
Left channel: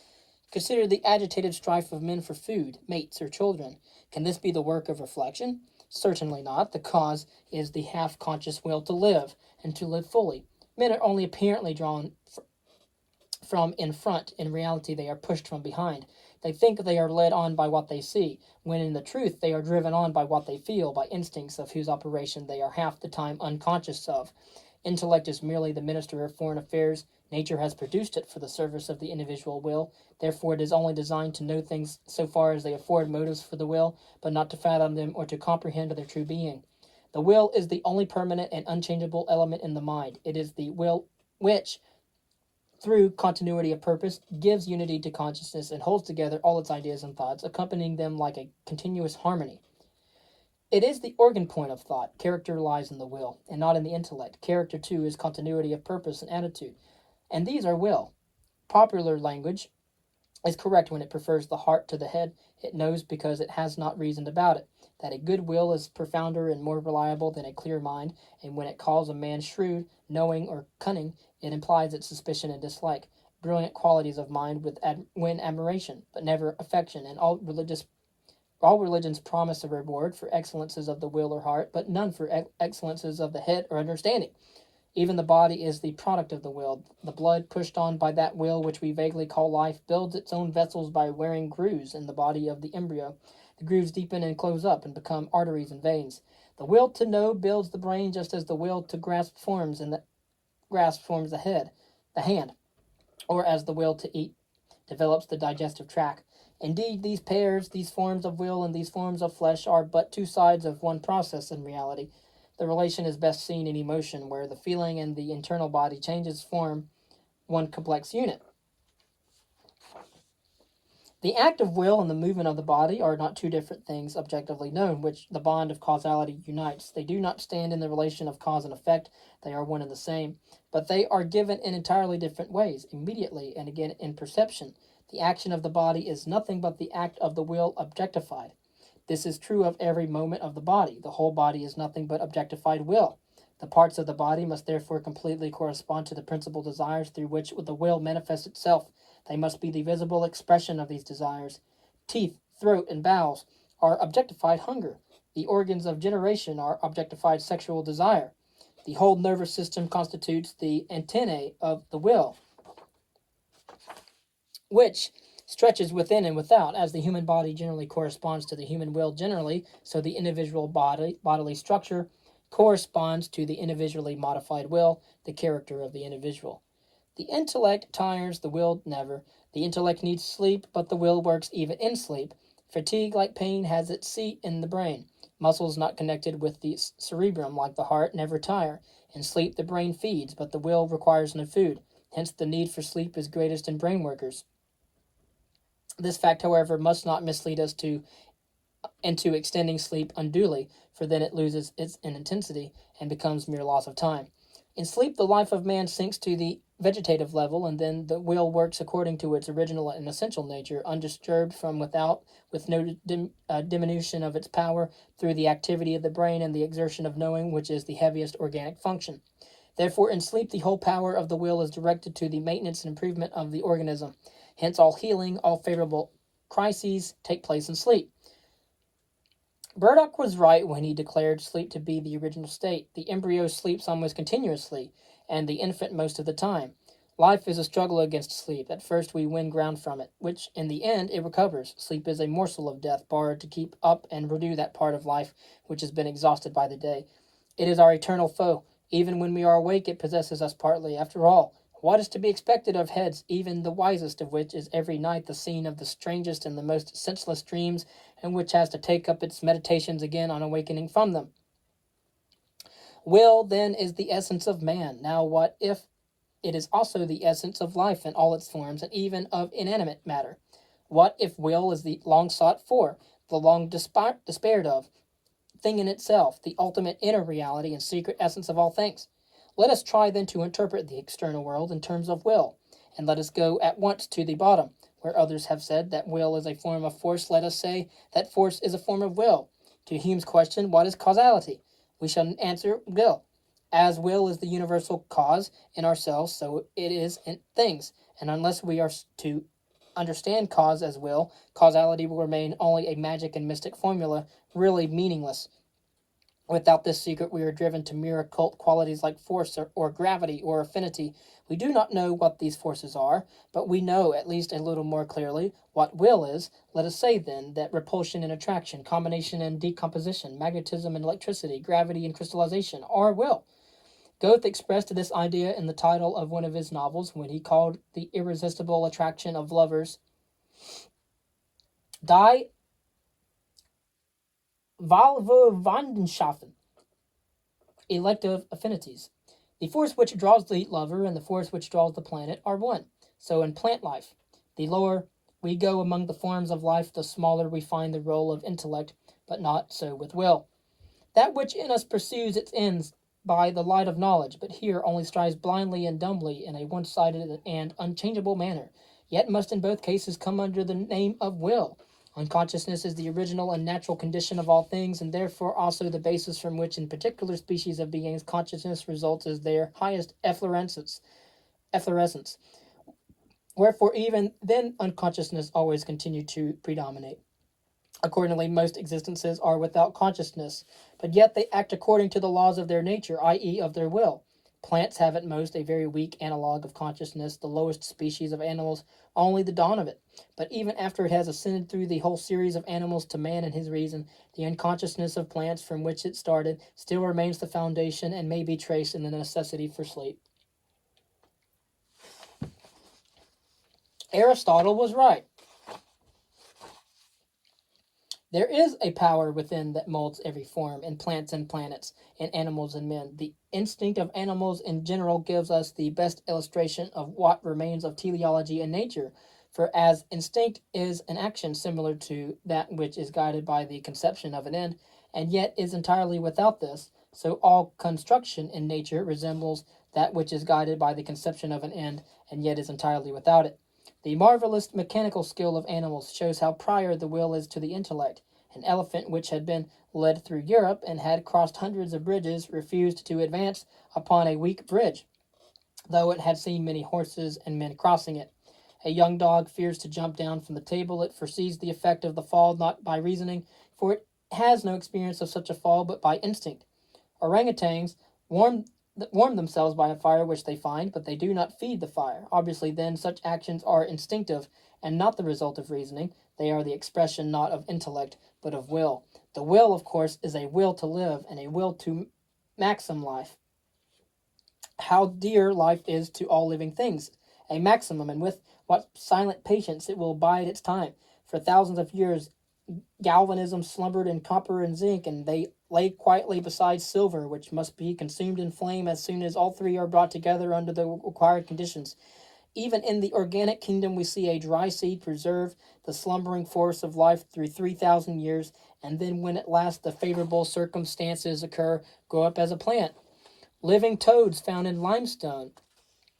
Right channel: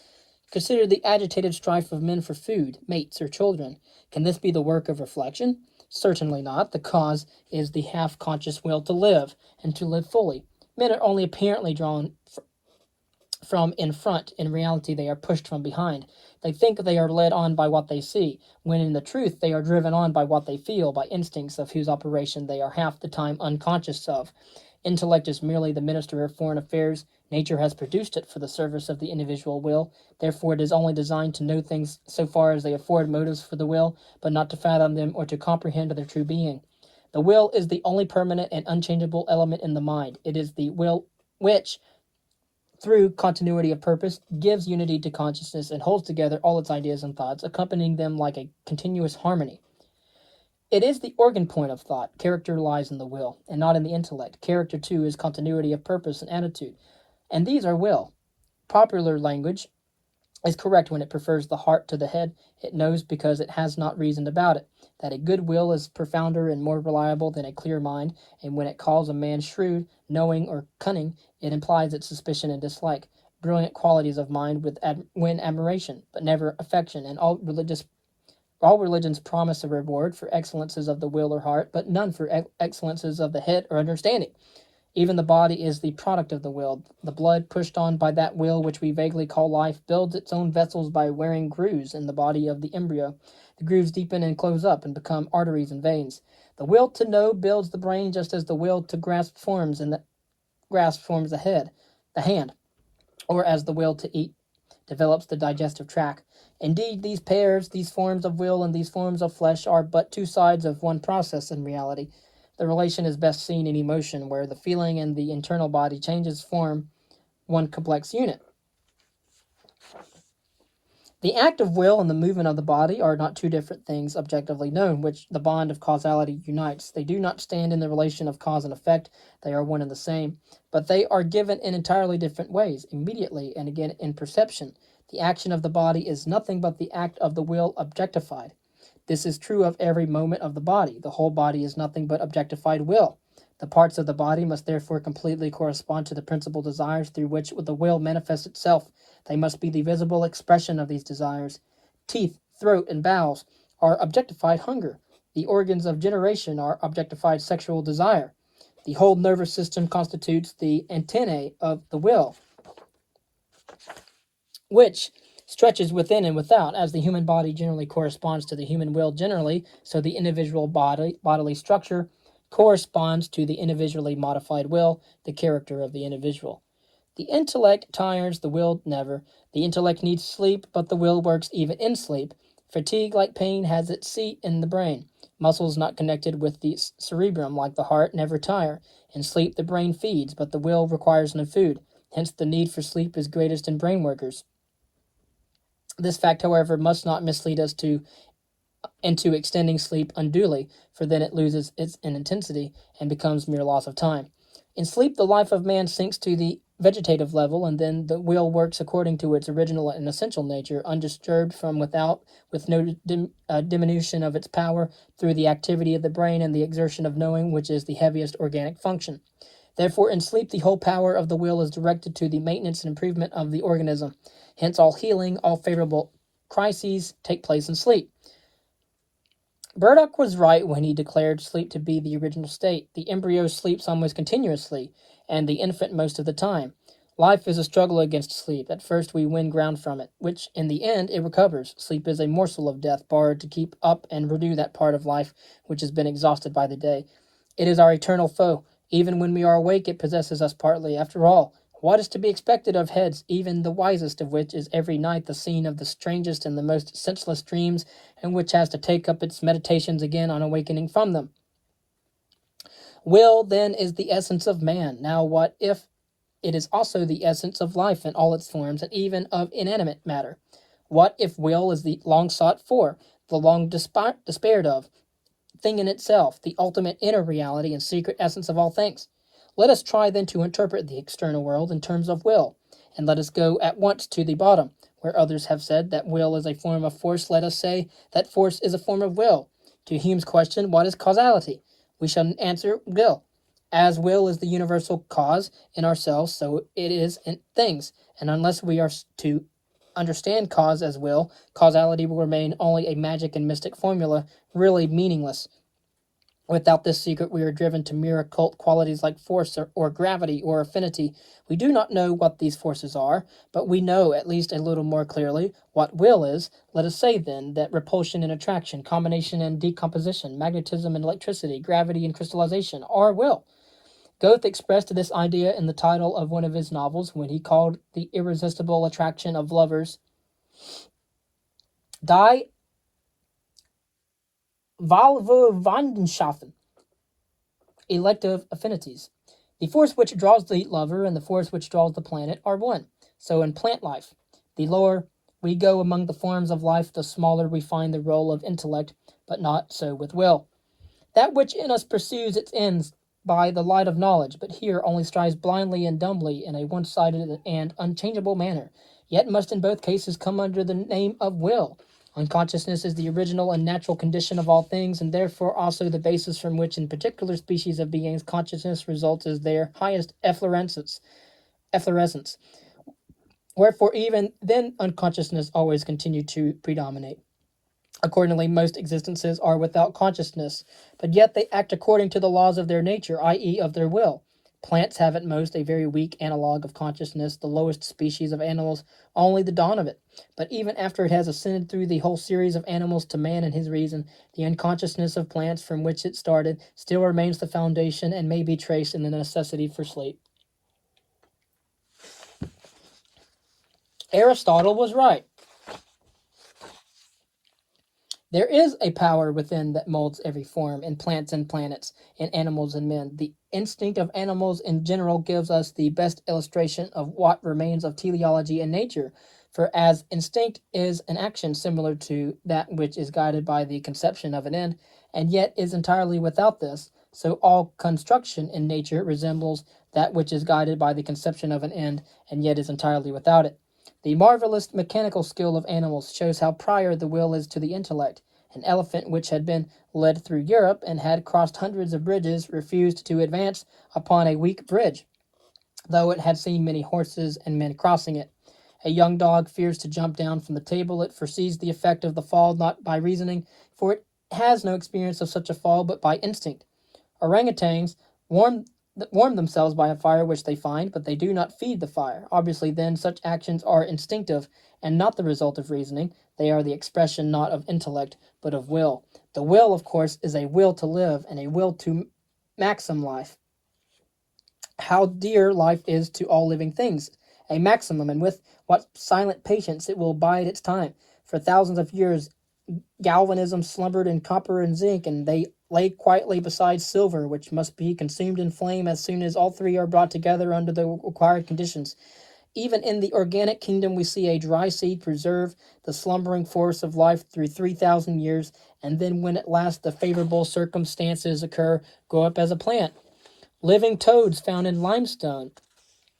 Consider the agitated strife of men for food, mates, or children. Can this be the work of reflection? Certainly not. The cause is the half-conscious will to live, and to live fully. Men are only apparently drawn from in front. In reality, they are pushed from behind. They think they are led on by what they see, when in the truth they are driven on by what they feel, by instincts of whose operation they are half the time unconscious of. Intellect is merely the minister of foreign affairs. Nature has produced it for the service of the individual will. Therefore, it is only designed to know things so far as they afford motives for the will, but not to fathom them or to comprehend their true being. The will is the only permanent and unchangeable element in the mind. It is the will which, through continuity of purpose, gives unity to consciousness and holds together all its ideas and thoughts, accompanying them like a continuous harmony. It is the organ point of thought. Character lies in the will, and not in the intellect. Character, too, is continuity of purpose and attitude, and these are will. Popular language is correct when it prefers the heart to the head. It knows, because it has not reasoned about it, that a good will is profounder and more reliable than a clear mind, and when it calls a man shrewd, knowing, or cunning, it implies its suspicion and dislike. Brilliant qualities of mind win admiration, but never affection, and all religions promise a reward for excellences of the will or heart, but none for excellences of the head or understanding. Even the body is the product of the will. The blood, pushed on by that will which we vaguely call life, builds its own vessels by wearing grooves in the body of the embryo. The grooves deepen and close up and become arteries and veins. The will to know builds the brain, just as the will to grasp forms the hand, or as the will to eat develops the digestive tract. Indeed, these forms of will and these forms of flesh, are but two sides of one process in reality. The relation is best seen in emotion, where the feeling and the internal body changes form one complex unit. The act of will and the movement of the body are not two different things objectively known, which the bond of causality unites. They do not stand in the relation of cause and effect. They are one and the same, but they are given in entirely different ways, immediately and again in perception. The action of the body is nothing but the act of the will objectified. This is true of every moment of the body. The whole body is nothing but objectified will. The parts of the body must therefore completely correspond to the principal desires through which the will manifests itself. They must be the visible expression of these desires. Teeth, throat, and bowels are objectified hunger. The organs of generation are objectified sexual desire. The whole nervous system constitutes the antennae of the will, which stretches within and without. As the human body generally corresponds to the human will generally, so the individual bodily structure corresponds to the individually modified will, the character of the individual. The intellect tires, the will never. The intellect needs sleep, but the will works even in sleep. Fatigue, like pain, has its seat in the brain. Muscles not connected with the cerebrum, like the heart, never tire. In sleep the brain feeds, but the will requires no food. Hence the need for sleep is greatest in brain workers. This fact, however, must not mislead us into extending sleep unduly, for then it loses its intensity and becomes mere loss of time. In sleep, the life of man sinks to the vegetative level, and then the will works according to its original and essential nature, undisturbed from without, with no diminution of its power through the activity of the brain and the exertion of knowing, which is the heaviest organic function. Therefore, in sleep, the whole power of the will is directed to the maintenance and improvement of the organism. Hence, all healing, all favorable crises take place in sleep. Burdock was right when he declared sleep to be the original state. The embryo sleeps almost continuously, and the infant most of the time. Life is a struggle against sleep. At first we win ground from it, which in the end it recovers. Sleep is a morsel of death borrowed to keep up and renew that part of life which has been exhausted by the day. It is our eternal foe. Even when we are awake, it possesses us partly. After all, what is to be expected of heads, even the wisest of which is every night the scene of the strangest and the most senseless dreams, and which has to take up its meditations again on awakening from them? Will, then, is the essence of man. Now, what if it is also the essence of life in all its forms, and even of inanimate matter? What if will is the long sought for, the long despaired of, thing in itself, the ultimate inner reality and secret essence of all things? Let us try then to interpret the external world in terms of will, and let us go at once to the bottom. Where others have said that will is a form of force, let us say that force is a form of will. To Hume's question, what is causality? We shall answer will. As will is the universal cause in ourselves, so it is in things. And unless we are to understand cause as will, causality will remain only a magic and mystic formula, really meaningless. Without this secret, we are driven to mere occult qualities like force or gravity or affinity. We do not know what these forces are, but we know at least a little more clearly what will is. Let us say, then, that repulsion and attraction, combination and decomposition, magnetism and electricity, gravity and crystallization are will. Goethe expressed this idea in the title of one of his novels when he called the irresistible attraction of lovers Die Wahlverwandtschaften, elective affinities. The force which draws the lover and the force which draws the planet are one. So in plant life, the lower we go among the forms of life, the smaller we find the role of intellect, but not so with will. That which in us pursues its ends by the light of knowledge, but here only strives blindly and dumbly in a one-sided and unchangeable manner, yet must in both cases come under the name of will. Unconsciousness is the original and natural condition of all things, and therefore also the basis from which in particular species of beings consciousness results as their highest efflorescence. Wherefore even then unconsciousness always continued to predominate. Accordingly, most existences are without consciousness, but yet they act according to the laws of their nature, i.e., of their will. Plants have at most a very weak analogue of consciousness, the lowest species of animals only the dawn of it. But even after it has ascended through the whole series of animals to man and his reason, the unconsciousness of plants from which it started still remains the foundation and may be traced in the necessity for sleep. Aristotle was right. There is a power within that molds every form, in plants and planets, in animals and men. The instinct of animals in general gives us the best illustration of what remains of teleology in nature, for as instinct is an action similar to that which is guided by the conception of an end, and yet is entirely without this, so all construction in nature resembles that which is guided by the conception of an end, and yet is entirely without it. The marvelous mechanical skill of animals shows how prior the will is to the intellect. An elephant which had been led through Europe and had crossed hundreds of bridges refused to advance upon a weak bridge, though it had seen many horses and men crossing it. A young dog fears to jump down from the table. It foresees the effect of the fall not by reasoning, for it has no experience of such a fall, but by instinct. Orangutans warm themselves by a fire which they find, but they do not feed the fire. Obviously, then, such actions are instinctive and not the result of reasoning. They are the expression not of intellect, but of will. The will, of course, is a will to live and a will to maxim life. How dear life is to all living things. A maximum, and with what silent patience it will bide its time. For thousands of years, galvanism slumbered in copper and zinc, and they lay quietly beside silver, which must be consumed in flame as soon as all three are brought together under the required conditions. Even in the organic kingdom we see a dry seed preserve the slumbering force of life through 3,000 years, and then when at last the favorable circumstances occur, grow up as a plant. Living toads found in limestone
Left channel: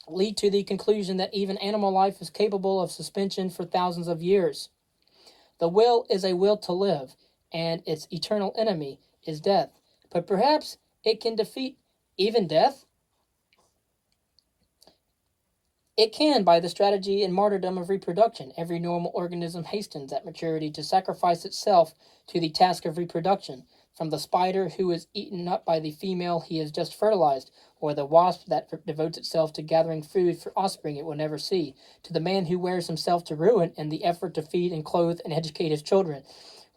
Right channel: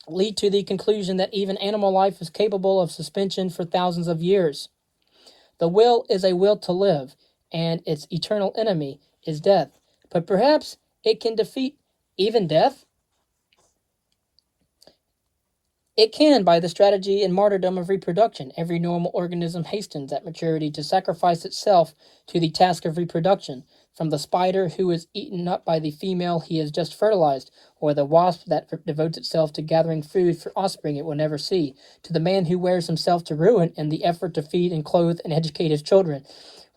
lead to the conclusion that even animal life is capable of suspension for thousands of years. The will is a will to live, and its eternal enemy is death. But perhaps it can defeat even death? It can by the strategy and martyrdom of reproduction. Every normal organism hastens at maturity to sacrifice itself to the task of reproduction, from the spider who is eaten up by the female he has just fertilized, or the wasp that devotes itself to gathering food for offspring it will never see, to the man who wears himself to ruin in the effort to feed and clothe and educate his children.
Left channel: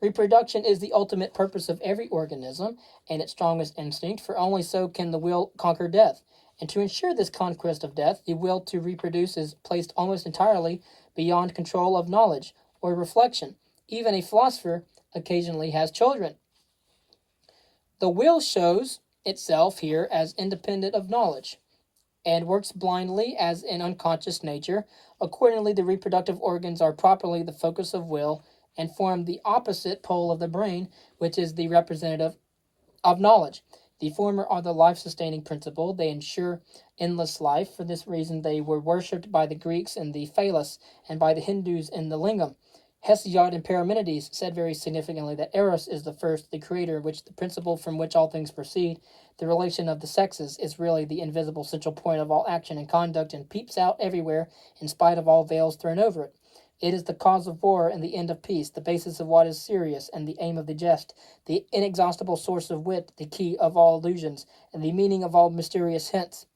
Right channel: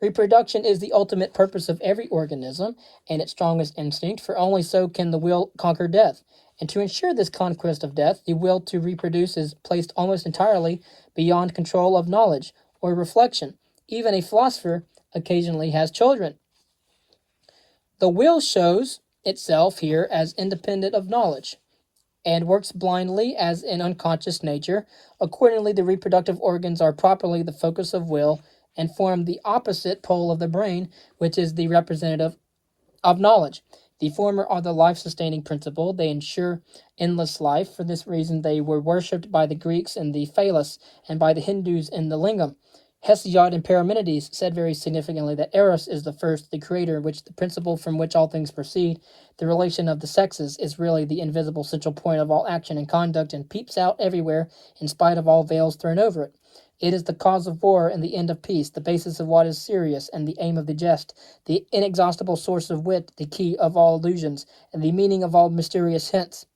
Reproduction is the ultimate purpose of every organism and its strongest instinct, for only so can the will conquer death. And to ensure this conquest of death, the will to reproduce is placed almost entirely beyond control of knowledge or reflection. Even a philosopher occasionally has children. The will shows itself here as independent of knowledge and works blindly as an unconscious nature. Accordingly, the reproductive organs are properly the focus of will and form the opposite pole of the brain, which is the representative of knowledge. The former are the life-sustaining principle. They ensure endless life. For this reason, they were worshipped by the Greeks in the Phallus and by the Hindus in the Lingam. Hesiod and Parmenides said very significantly that Eros is the first, the creator, which the principle from which all things proceed. The relation of the sexes is really the invisible central point of all action and conduct, and peeps out everywhere in spite of all veils thrown over it. It is the cause of war and the end of peace, the basis of what is serious and the aim of the jest, the inexhaustible source of wit, the key of all illusions, and the meaning of all mysterious hints.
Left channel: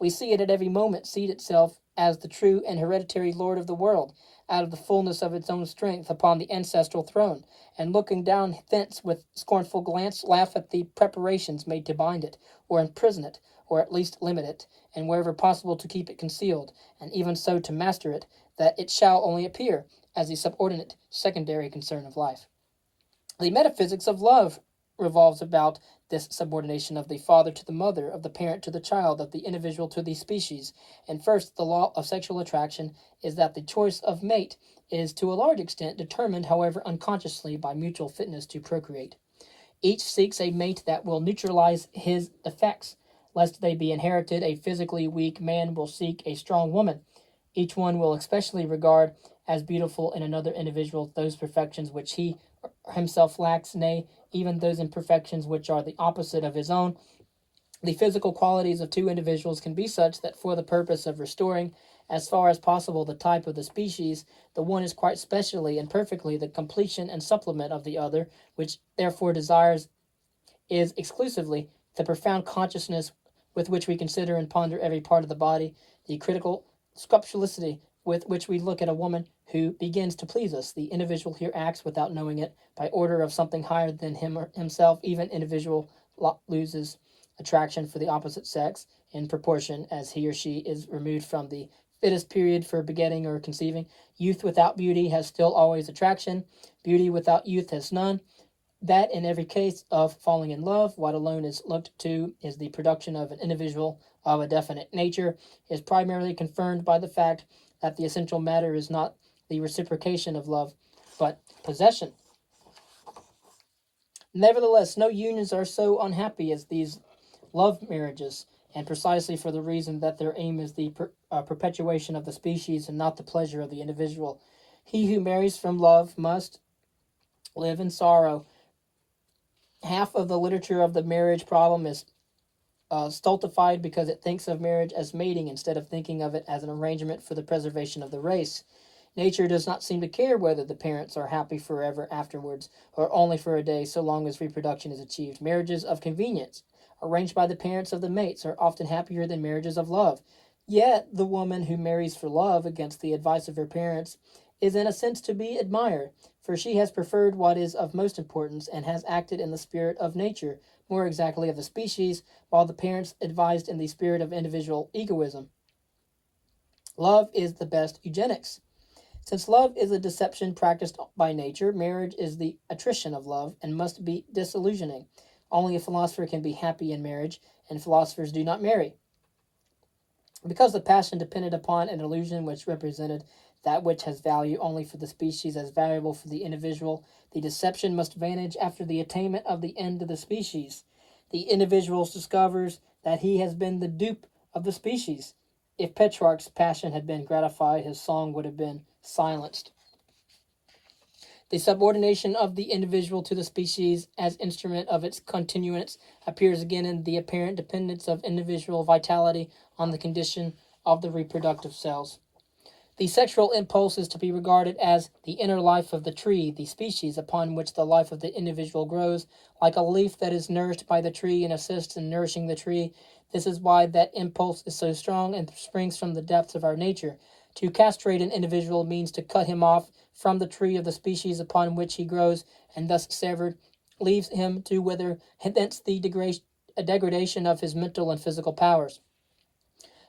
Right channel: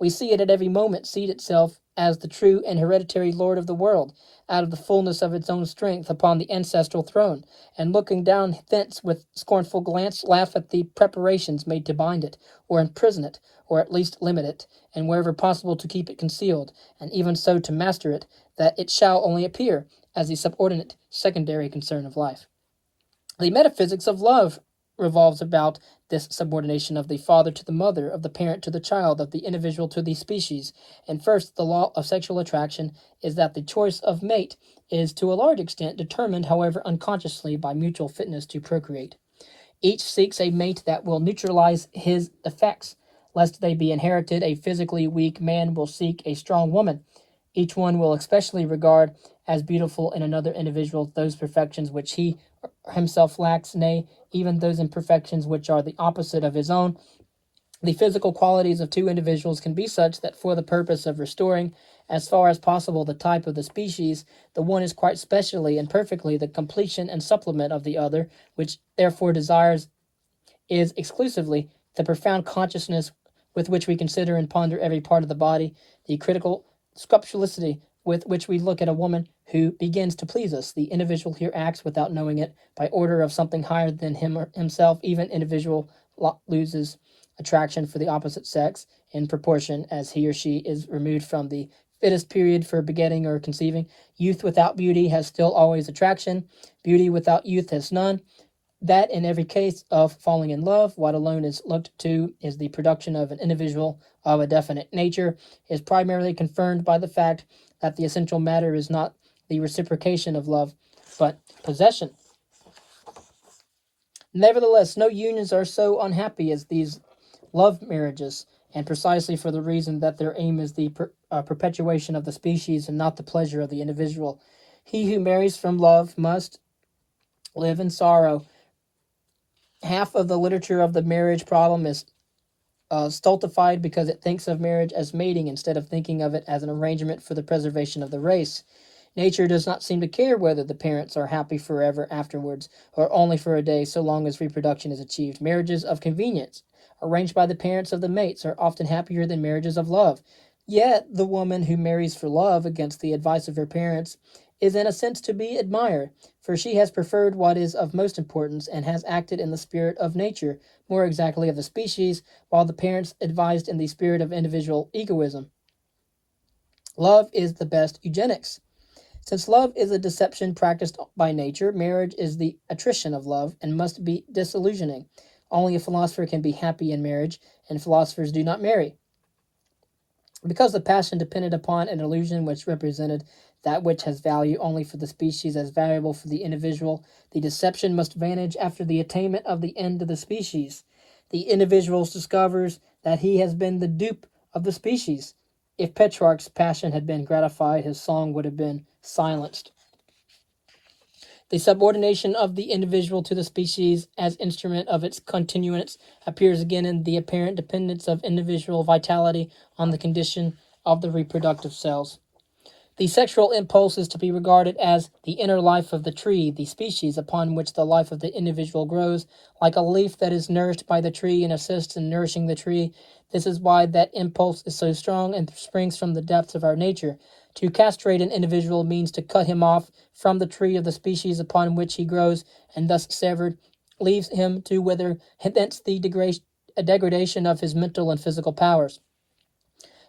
We see it at every moment seat itself as the true and hereditary lord of the world, out of the fullness of its own strength upon the ancestral throne, and looking down thence with scornful glance, laugh at the preparations made to bind it, or imprison it, or at least limit it, and wherever possible to keep it concealed, and even so to master it, that it shall only appear as the subordinate, secondary concern of life. The metaphysics of love revolves about this subordination of the father to the mother, of the parent to the child, of the individual to the species. And first, the law of sexual attraction is that the choice of mate is to a large extent determined, however unconsciously, by mutual fitness to procreate. Each seeks a mate that will neutralize his effects. Lest they be inherited, a physically weak man will seek a strong woman. Each one will especially regard as beautiful in another individual those perfections which he himself lacks, nay, even those imperfections which are the opposite of his own. The physical qualities of two individuals can be such that for the purpose of restoring, as far as possible, the type of the species, the one is quite specially and perfectly the completion and supplement of the other, which therefore desires is exclusively the profound consciousness with which we consider and ponder every part of the body, the critical scrupulousity with which we look at a woman who begins to please us. The individual here acts without knowing it, by order of something higher than him or himself. Even individual loses attraction for the opposite sex in proportion as he or she is removed from the fittest period for begetting or conceiving. Youth without beauty has still always attraction. Beauty without youth has none. That in every case of falling in love, what alone is looked to is the production of an individual of a definite nature, is primarily confirmed by the fact that the essential matter is not the reciprocation of love, but possession. Nevertheless, no unions are so unhappy as these love marriages, and precisely for the reason that their aim is the perpetuation of the species and not the pleasure of the individual. He who marries from love must live in sorrow. Half of the literature of the marriage problem is stultified because it thinks of marriage as mating instead of thinking of it as an arrangement for the preservation of the race. Nature does not seem to care whether the parents are happy forever afterwards or only for a day, so long as reproduction is achieved. Marriages of convenience, arranged by the parents of the mates, are often happier than marriages of love. Yet the woman who marries for love against the advice of her parents is in a sense to be admired, for she has preferred what is of most importance and has acted in the spirit of nature, more exactly of the species, while the parents advised in the spirit of individual egoism. Love is the best eugenics. Since love is a deception practiced by nature, marriage is the attrition of love and must be disillusioning. Only a philosopher can be happy in marriage, and philosophers do not marry. Because the passion depended upon an illusion which represented that which has value only for the species as valuable for the individual, the deception must vanish after the attainment of the end of the species. The individual discovers that he has been the dupe of the species. If Petrarch's passion had been gratified, his song would have been silenced. The subordination of the individual to the species as instrument of its continuance appears again in the apparent dependence of individual vitality on the condition of the reproductive cells. The sexual impulse is to be regarded as the inner life of the tree, the species upon which the life of the individual grows, like a leaf that is nourished by the tree and assists in nourishing the tree. This is why that impulse is so strong and springs from the depths of our nature. To castrate an individual means to cut him off from the tree of the species upon which he grows, and thus severed, leaves him to wither, hence the degradation of his mental and physical powers.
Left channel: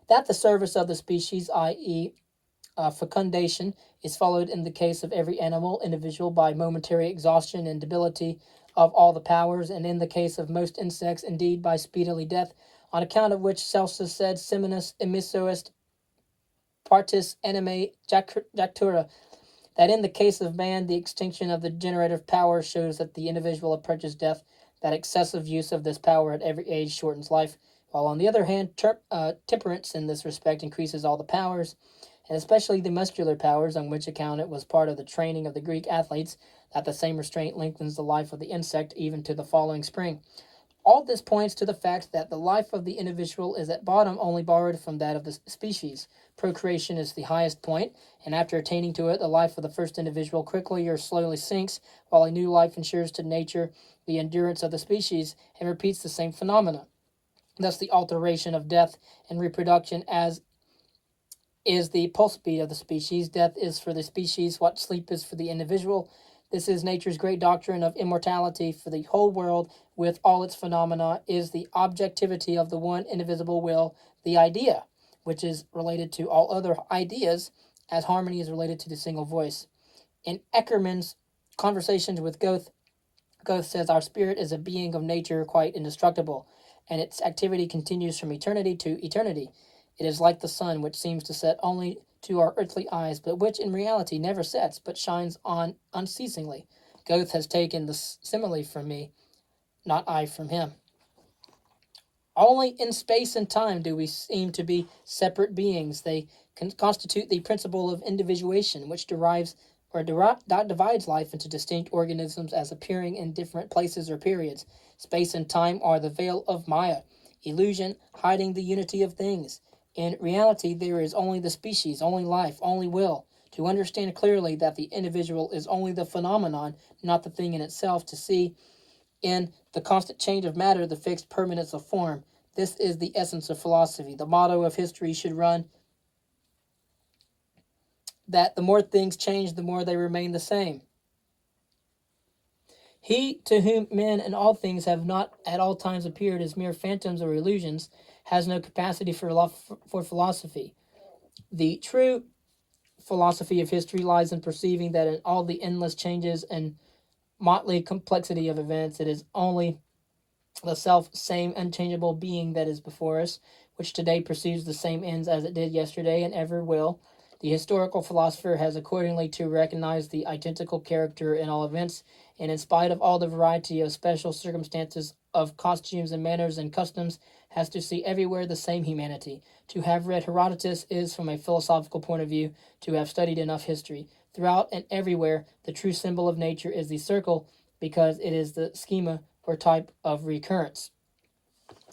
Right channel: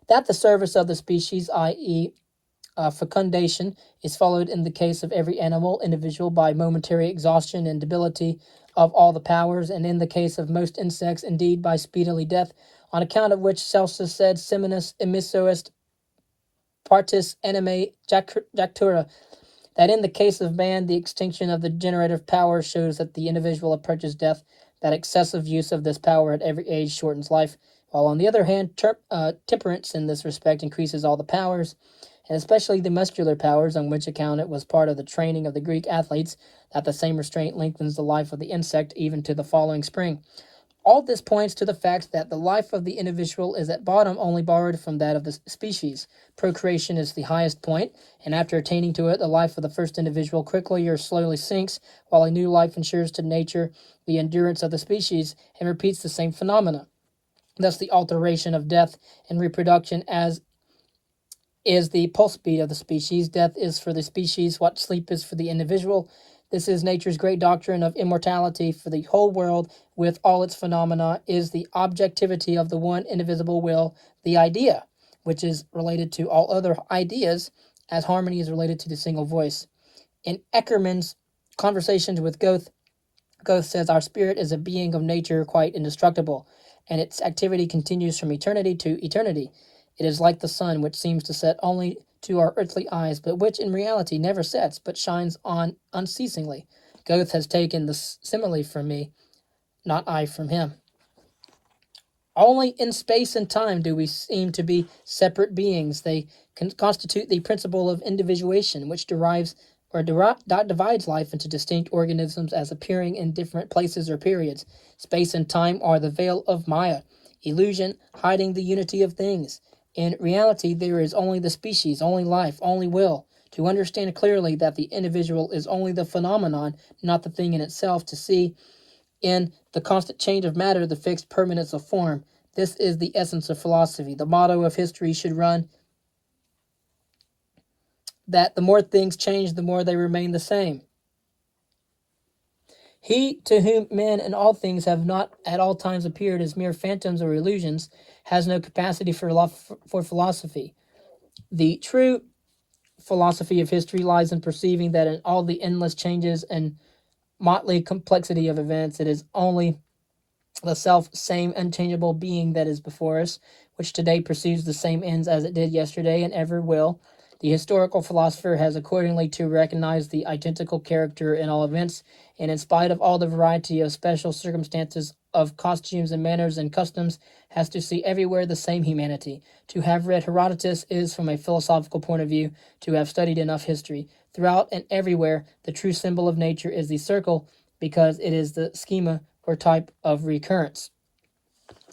That the service of the species, i.e., fecundation, is followed in the case of every animal individual by momentary exhaustion and debility of all the powers, and in the case of most insects, indeed, by speedily death, on account of which Celsus said, Seminis emisso est partis anime jactura, that in the case of man, the extinction of the generative power shows that the individual approaches death, that excessive use of this power at every age shortens life, while on the other hand, temperance in this respect increases all the powers, and especially the muscular powers, on which account it was part of the training of the Greek athletes that the same restraint lengthens the life of the insect even to the following spring. All this points to the fact that the life of the individual is at bottom only borrowed from that of the species. Procreation is the highest point, and after attaining to it, the life of the first individual quickly or slowly sinks, while a new life ensures to nature the endurance of the species and repeats the same phenomena. Thus, the alteration of death and reproduction as is the pulse beat of the species. Death is for the species what sleep is for the individual. This is nature's great doctrine of immortality for the whole world with all its phenomena, is the objectivity of the one indivisible will, the idea, which is related to all other ideas, as harmony is related to the single voice. In Eckermann's Conversations with Goethe, Goethe says, our spirit is a being of nature quite indestructible, and its activity continues from eternity to eternity. It is like the sun, which seems to set only to our earthly eyes, but which in reality never sets, but shines on unceasingly. Goethe has taken the simile from me, not I from him. Only in space and time do we seem to be separate beings. They constitute the principle of individuation, which divides life into distinct organisms as appearing in different places or periods. Space and time are the veil of Maya, illusion hiding the unity of things. In reality, there is only the species, only life, only will. To understand clearly that the individual is only the phenomenon, not the thing in itself, to see in the constant change of matter the fixed permanence of form. This is the essence of philosophy. The motto of history should run that the more things change, the more they remain the same. He to whom men and all things have not at all times appeared as mere phantoms or illusions has no capacity for philosophy. The true philosophy of history lies in perceiving that in all the endless changes and motley complexity of events, it is only the self-same unchangeable being that is before us, which today pursues the same ends as it did yesterday and ever will. The historical philosopher has accordingly to recognize the identical character in all events, and in spite of all the variety of special circumstances of costumes and manners and customs, has to see everywhere the same humanity. To have read Herodotus is, from a philosophical point of view, to have studied enough history. Throughout and everywhere, the true symbol of nature is the circle, because it is the schema or type of recurrence.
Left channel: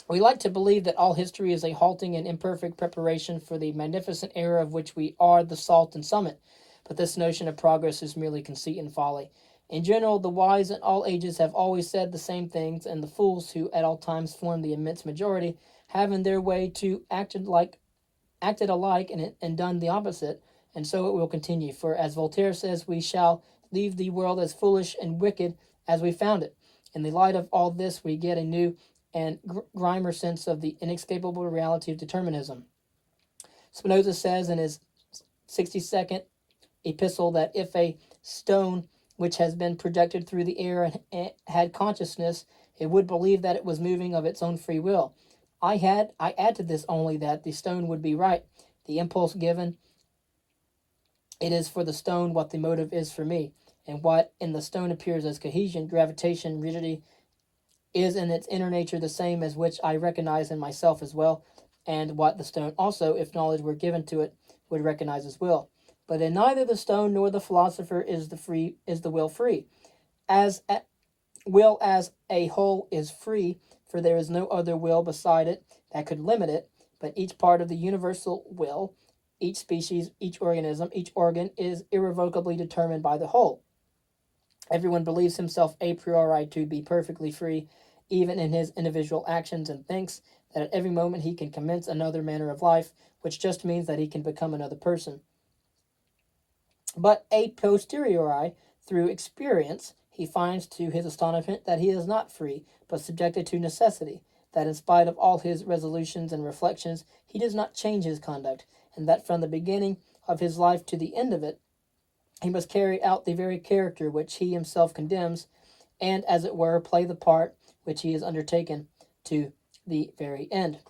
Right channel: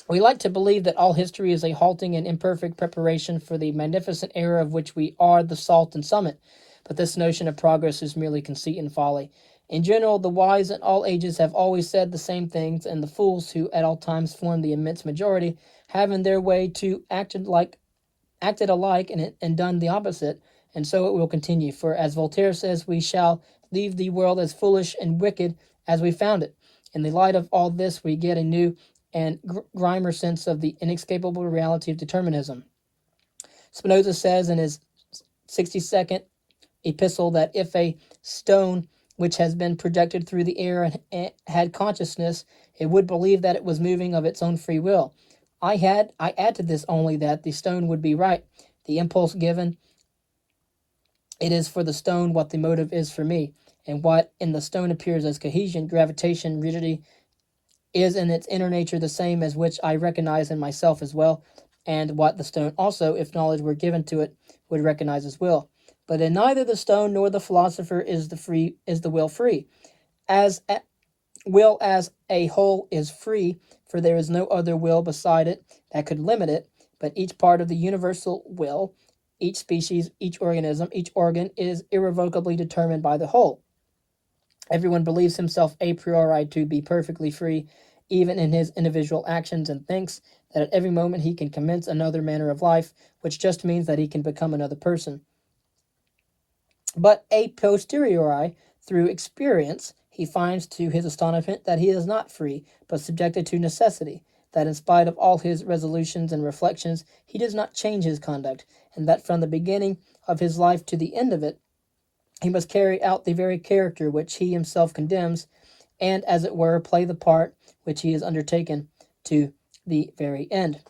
We like to believe that all history is a halting and imperfect preparation for the magnificent era of which we are the salt and summit, but this notion of progress is merely conceit and folly. In general, the wise in all ages have always said the same things, and the fools, who at all times form the immense majority, have in their way to acted alike and done the opposite, and so it will continue. For as Voltaire says, we shall leave the world as foolish and wicked as we found it. In the light of all this, we get a new and grimmer sense of the inescapable reality of determinism. Spinoza says in his 62nd epistle that if a stone which has been projected through the air and had consciousness, it would believe that it was moving of its own free will. I add to this only that the stone would be right. The impulse given, it is for the stone what the motive is for me, and what in the stone appears as cohesion, gravitation, rigidity, is in its inner nature the same as which I recognize in myself as well. and what the stone also, if knowledge were given to it, would recognize as will. But in neither the stone nor the philosopher is the will free. As a, will as a whole is free, for there is no other will beside it that could limit it, but each part of the universal will, each species, each organism, each organ is irrevocably determined by the whole. Everyone believes himself a priori to be perfectly free, even in his individual actions, and thinks that at every moment he can commence another manner of life, which just means that he can become another person. But a posteriori, through experience, he finds to his astonishment that he is not free, but subjected to necessity, that in spite of all his resolutions and reflections, he does not change his conduct, and that from the beginning of his life to the end of it, he must carry out the very character which he himself condemns, and, as it were, play the part which he has undertaken to the very end.